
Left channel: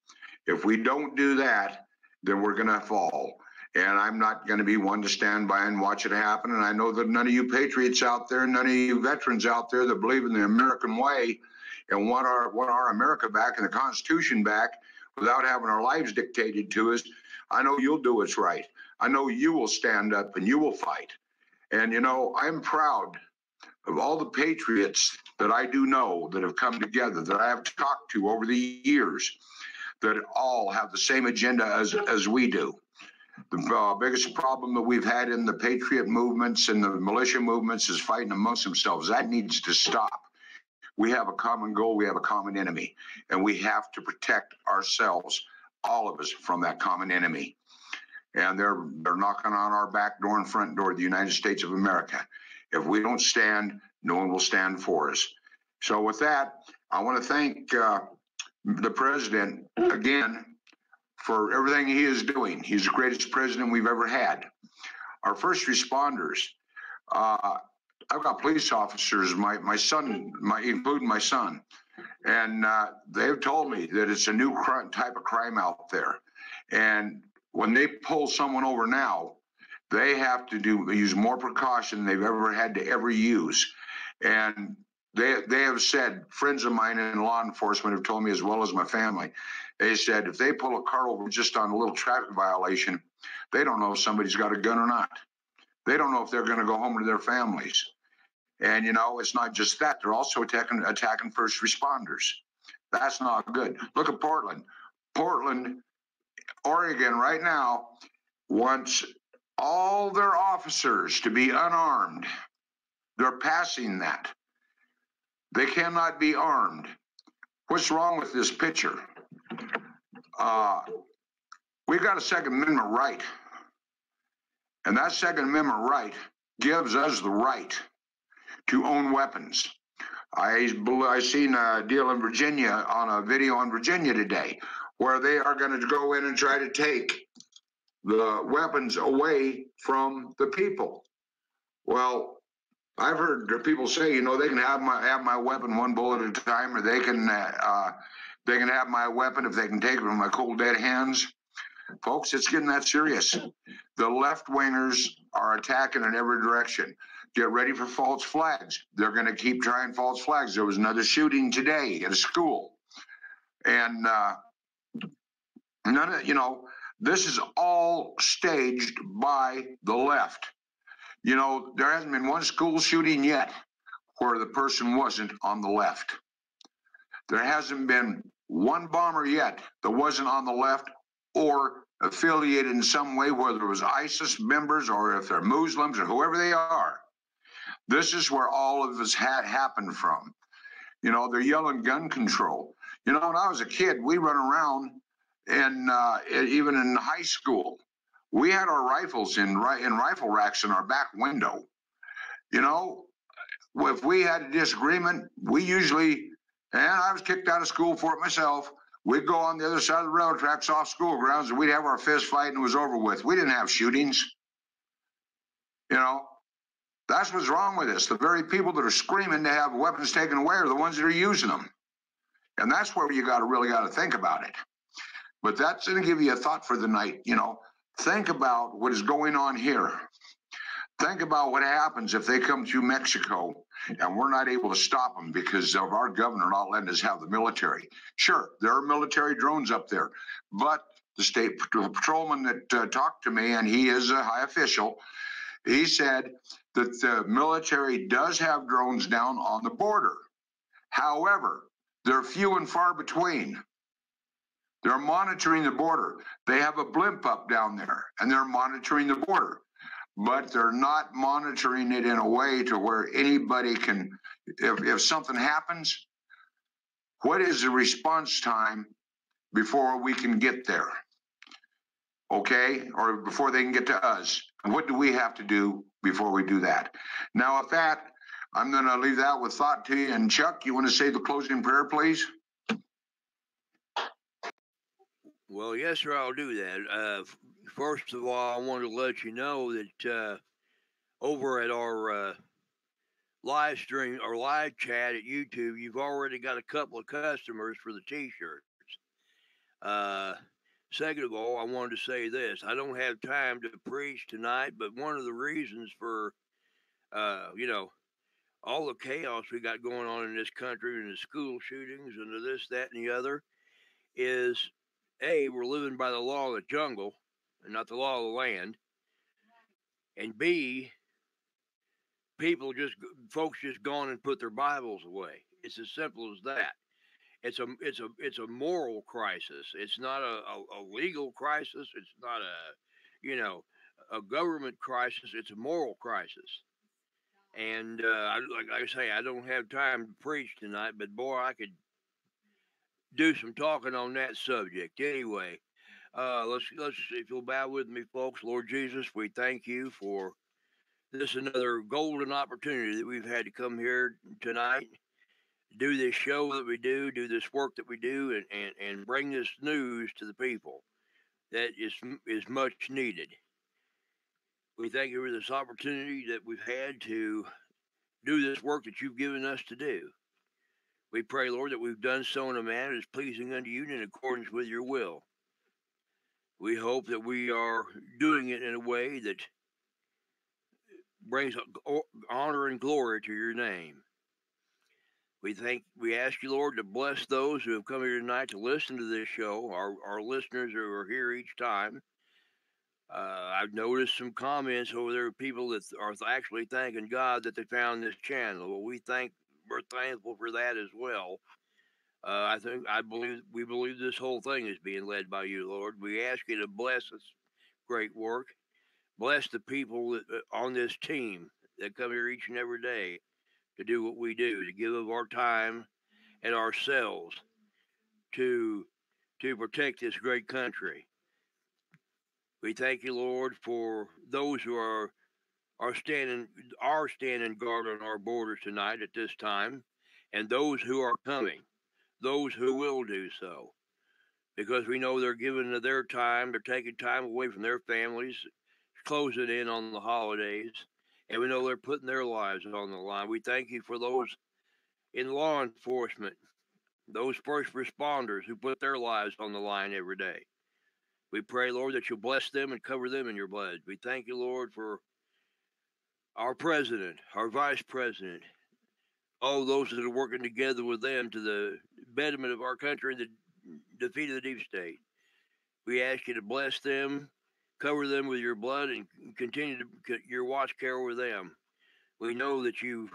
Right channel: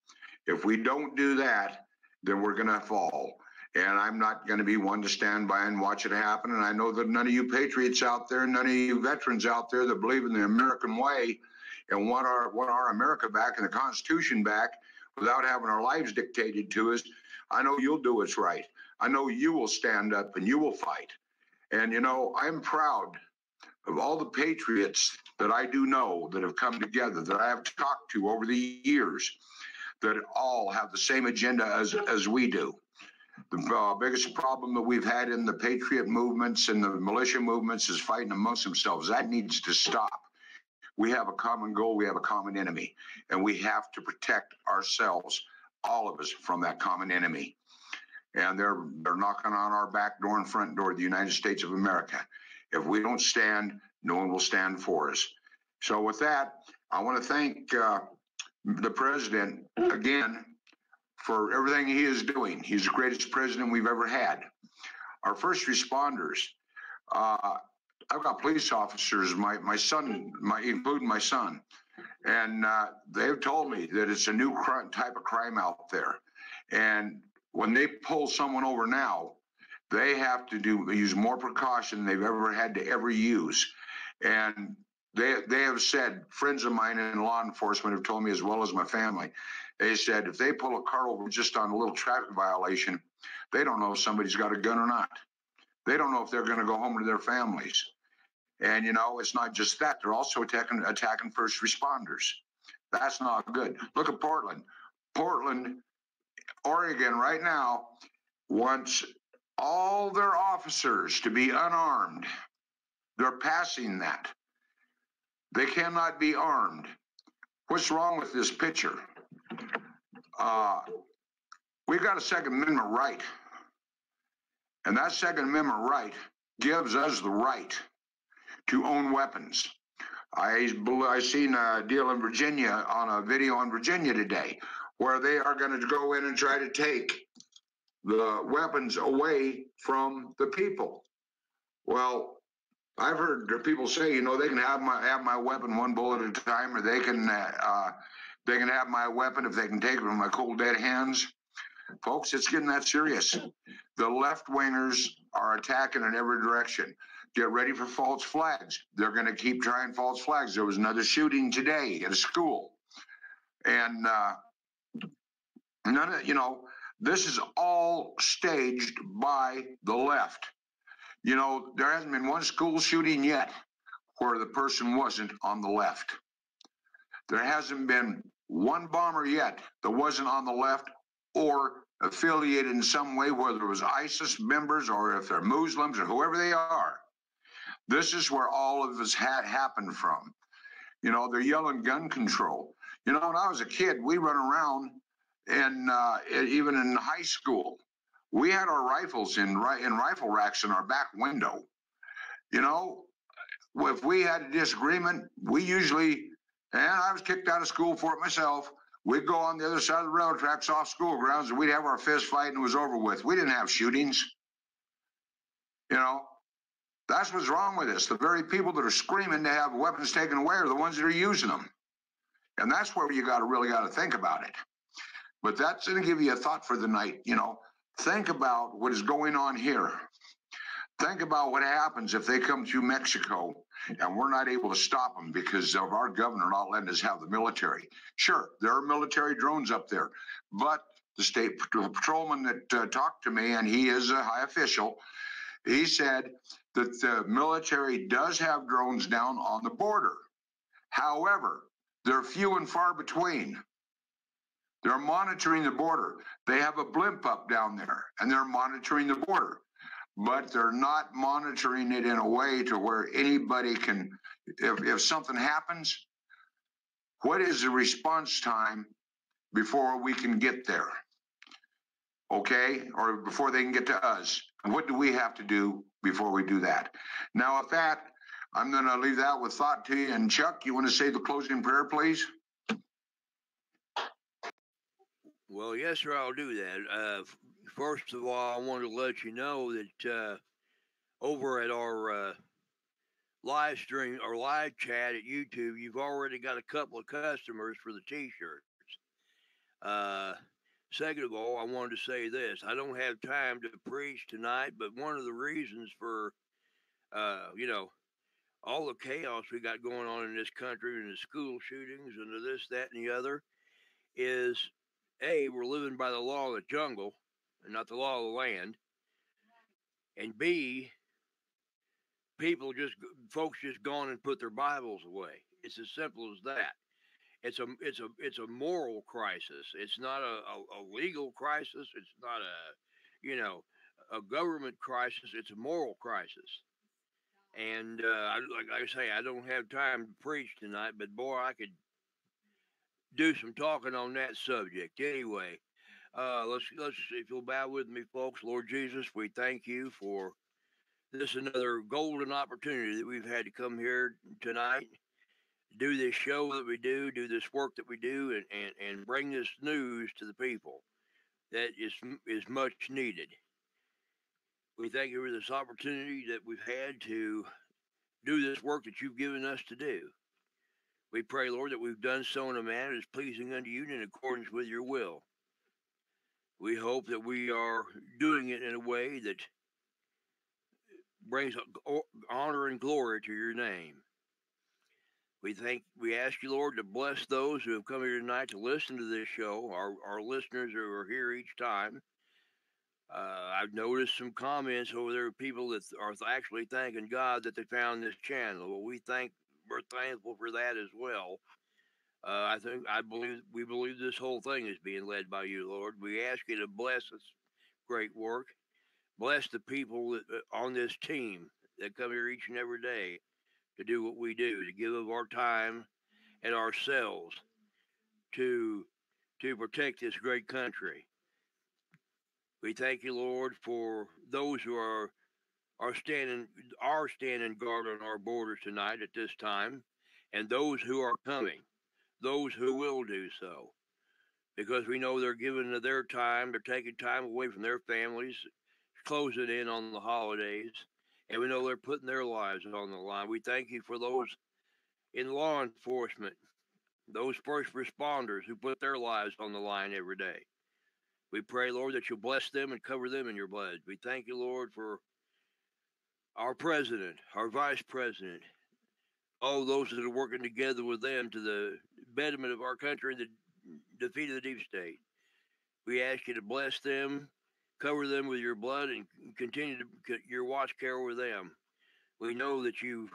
If we don't do that, then we're going to fall. And I'm not going to be one to stand by and watch it happen. And I know that none of you patriots out there, none of you veterans out there that believe in the American way and want our America back and the Constitution back without having our lives dictated to us, I know you'll do what's right. I know you will stand up and you will fight. And, I'm proud of all the patriots that I do know that have come together, that I have talked to over the years, that all have the same agenda as we do. The biggest problem that we've had in the patriot movements and the militia movements is fighting amongst themselves. That needs to stop. We have a common goal. We have a common enemy, and we have to protect ourselves, all of us, from that common enemy. And they're knocking on our back door and front door of the United States of America. If we don't stand, no one will stand for us. So with that, I want to thank the president again for everything he is doing. He's the greatest president we've ever had. Our first responders, I've got police officers, my son, including my son, and they've told me that it's a new type of crime out there. And when they pull someone over now, they have to use more precaution than they've ever had to ever use. And they have said, friends of mine in law enforcement have told me, as well as my family, they said if they pull a car over just on a little traffic violation, they don't know if somebody's got a gun or not. They don't know if they're going to go home to their families. And, it's not just that. They're also attacking first responders. That's not good. Look at Portland. Portland, Oregon right now wants all their officers to be unarmed. They're passing that. They cannot be armed. What's wrong with this picture? We've got a Second Amendment right. And that Second Amendment right gives us the right to own weapons. I seen a deal in Virginia, on a video in Virginia today, where they are going to go in and try to take the weapons away from the people. Well, I've heard people say, they can have my weapon one bullet at a time, or they can have my weapon if they can take it from my cold dead hands. Folks, it's getting that serious. The left-wingers are attacking in every direction. Get ready for false flags. They're going to keep trying false flags. There was another shooting today at a school. And this is all staged by the left. There hasn't been one school shooting yet where the person wasn't on the left. There hasn't been one bomber yet that wasn't on the left or affiliated in some way, whether it was ISIS members or if they're Muslims or whoever they are. This is where all of this had happened from. You know, they're yelling gun control. You know, when I was a kid, we run around, and even in high school, we had our rifles in rifle racks in our back window. You know, if we had a disagreement, we usually, and I was kicked out of school for it myself, we'd go on the other side of the railroad tracks off school grounds, and we'd have our fist fight, and it was over with. We didn't have shootings. You know, that's what's wrong with this. The very people that are screaming to have weapons taken away are the ones that are using them. And that's where you really got to think about it. But that's going to give you a thought for the night. You know, think about what is going on here. Think about what happens if they come through Mexico and we're not able to stop them because of our governor not letting us have the military. Sure, there are military drones up there, but the state patrolman that talked to me, and he is a high official, he said that the military does have drones down on the border. However, they're few and far between. They're monitoring the border. They have a blimp up down there, and they're monitoring the border. But they're not monitoring it in a way to where anybody can, if something happens, what is the response time before we can get there? Okay? Or before they can get to us. And what do we have to do before we do that? Now, with that, I'm going to leave that with thought to you. And Chuck, you want to say the closing prayer, please? Well, yes, sir, I'll do that. First of all, I want to let you know that over at our live stream or live chat at YouTube, you've already got a couple of customers for the T-shirts. Second of all, I wanted to say this. I don't have time to preach tonight, but one of the reasons for, you know, all the chaos we got going on in this country and the school shootings and the this, that, and the other is, A, we're living by the law of the jungle and not the law of the land. And B, folks just gone and put their Bibles away. It's as simple as that. It's a moral crisis. It's not a legal crisis. It's not a government crisis. It's a moral crisis. And like I say, I don't have time to preach tonight, but boy, I could do some talking on that subject. Anyway, let's if you'll bow with me, folks. Lord Jesus, we thank you for this another golden opportunity that we've had to come here tonight, do this show that we do this work that we do, and bring this news to the people that is much needed. We thank you for this opportunity that we've had to do this work that you've given us to do. We pray, Lord, that we've done so in a manner that is pleasing unto you and in accordance with your will. We hope that we are doing it in a way that brings honor and glory to your name. We ask you, Lord, to bless those who have come here tonight to listen to this show, our listeners who are here each time. I've noticed some comments over there of people that are actually thanking God that they found this channel. Well, we're thankful for that as well. We believe this whole thing is being led by you, Lord. We ask you to bless this great work. Bless the people on this team that come here each and every day to do what we do, to give of our time and ourselves to protect this great country. We thank you, Lord, for those who are standing guard on our borders tonight at this time, and those who are coming, those who will do so, because we know they're giving their time, they're taking time away from their families, closing in on the holidays, and we know they're putting their lives on the line. We thank you for those in law enforcement, those first responders who put their lives on the line every day. We pray, Lord, that you'll bless them and cover them in your blood. We thank you, Lord, for our president, our vice president, all those that are working together with them to the betterment of our country and the defeat of the deep state. We ask you to bless them, cover them with your blood, and continue to your watch care over them. We know that you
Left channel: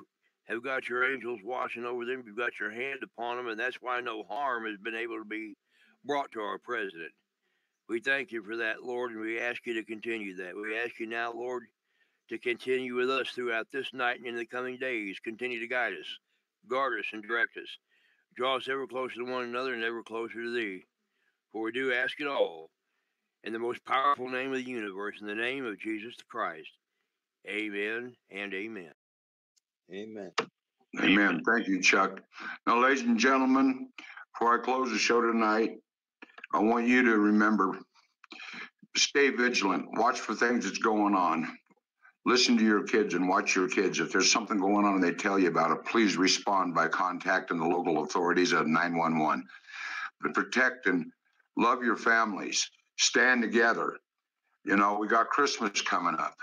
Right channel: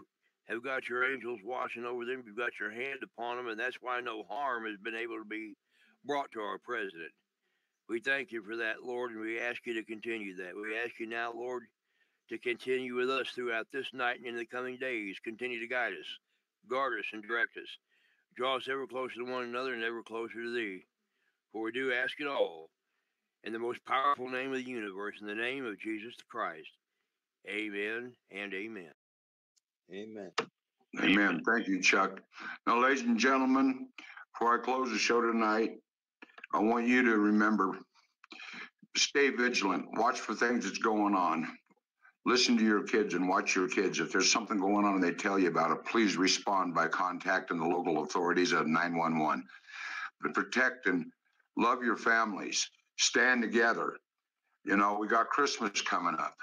have got your angels watching over them. You've got your hand upon them, and that's why no harm has been able to be brought to our president. We thank you for that, Lord, and we ask you to continue that. We ask you now, Lord, to continue with us throughout this night and in the coming days. Continue to guide us, guard us, and direct us. Draw us ever closer to one another and ever closer to thee. For we do ask it all in the most powerful name of the universe, in the name of Jesus the Christ. Amen and amen. Amen. Amen. Thank you, Chuck. Now, ladies and gentlemen, before I close the show tonight, I want you to remember, stay vigilant. Watch for things that's going on. Listen to your kids and watch your kids. If there's something going on and they tell you about it, please respond by contacting the local authorities at 911. But protect and love your families. Stand together. You know, we got Christmas coming up,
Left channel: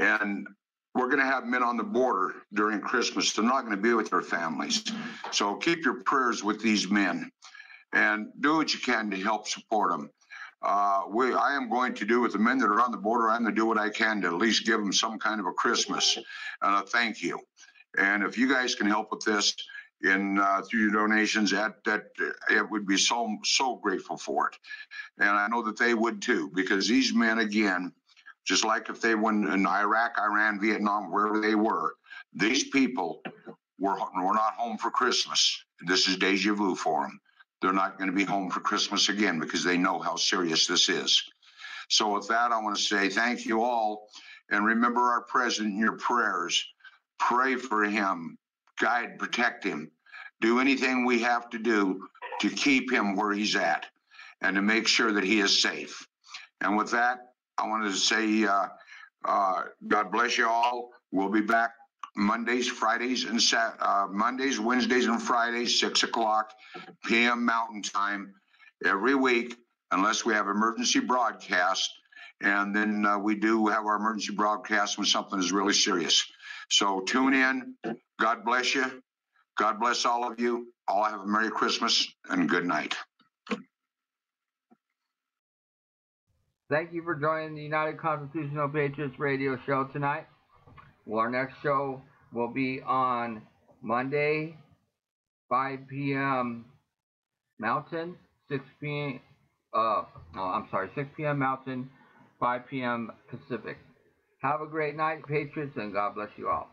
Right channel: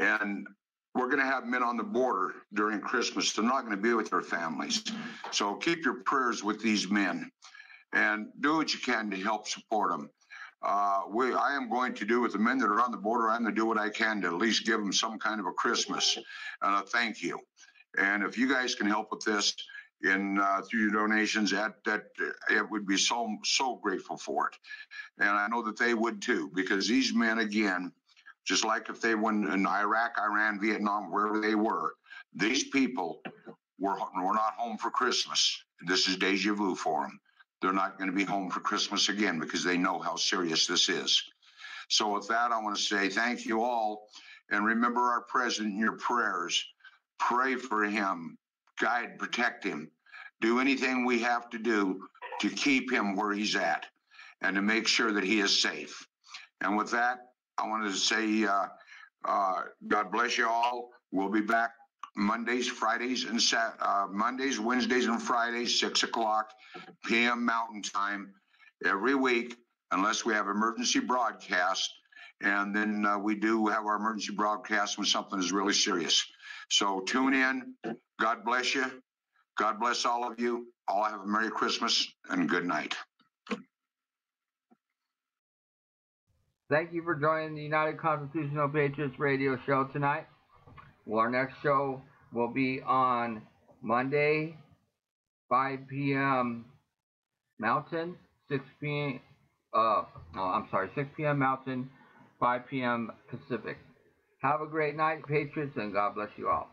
and we're going to have men on the border during Christmas. They're not going to be with their families. So keep your prayers with these men and do what you can to help support them. I am going to do with the men that are on the border. I'm going to do what I can to at least give them some kind of a Christmas and a thank you. And if you guys can help with this through your donations, that it would be so grateful for it. And I know that they would too, because these men, again, just like if they went in Iraq, Iran, Vietnam, wherever they were, these people were not home for Christmas. This is deja vu for them. They're not going to be home for Christmas again because they know how serious this is. So with that, I want to say thank you all. And remember our president in your prayers. Pray for him. Guide, protect him. Do anything we have to do to keep him where he's at and to make sure that he is safe. And with that, I wanted to say God bless you all. We'll be back Mondays, Wednesdays, and Fridays, 6 o'clock p.m. Mountain Time every week, unless we have emergency broadcast. And then we do have our emergency broadcast when something is really serious. So tune in. God bless you. God bless all of you. All have a Merry Christmas and good night. Thank you for joining the United Constitutional Patriots Radio Show tonight. Well, our next show will be on Monday, 5 p.m. Mountain, 6 p.m. 6 p.m. Mountain, 5 p.m. Pacific. Have a great night, Patriots, and God bless you all.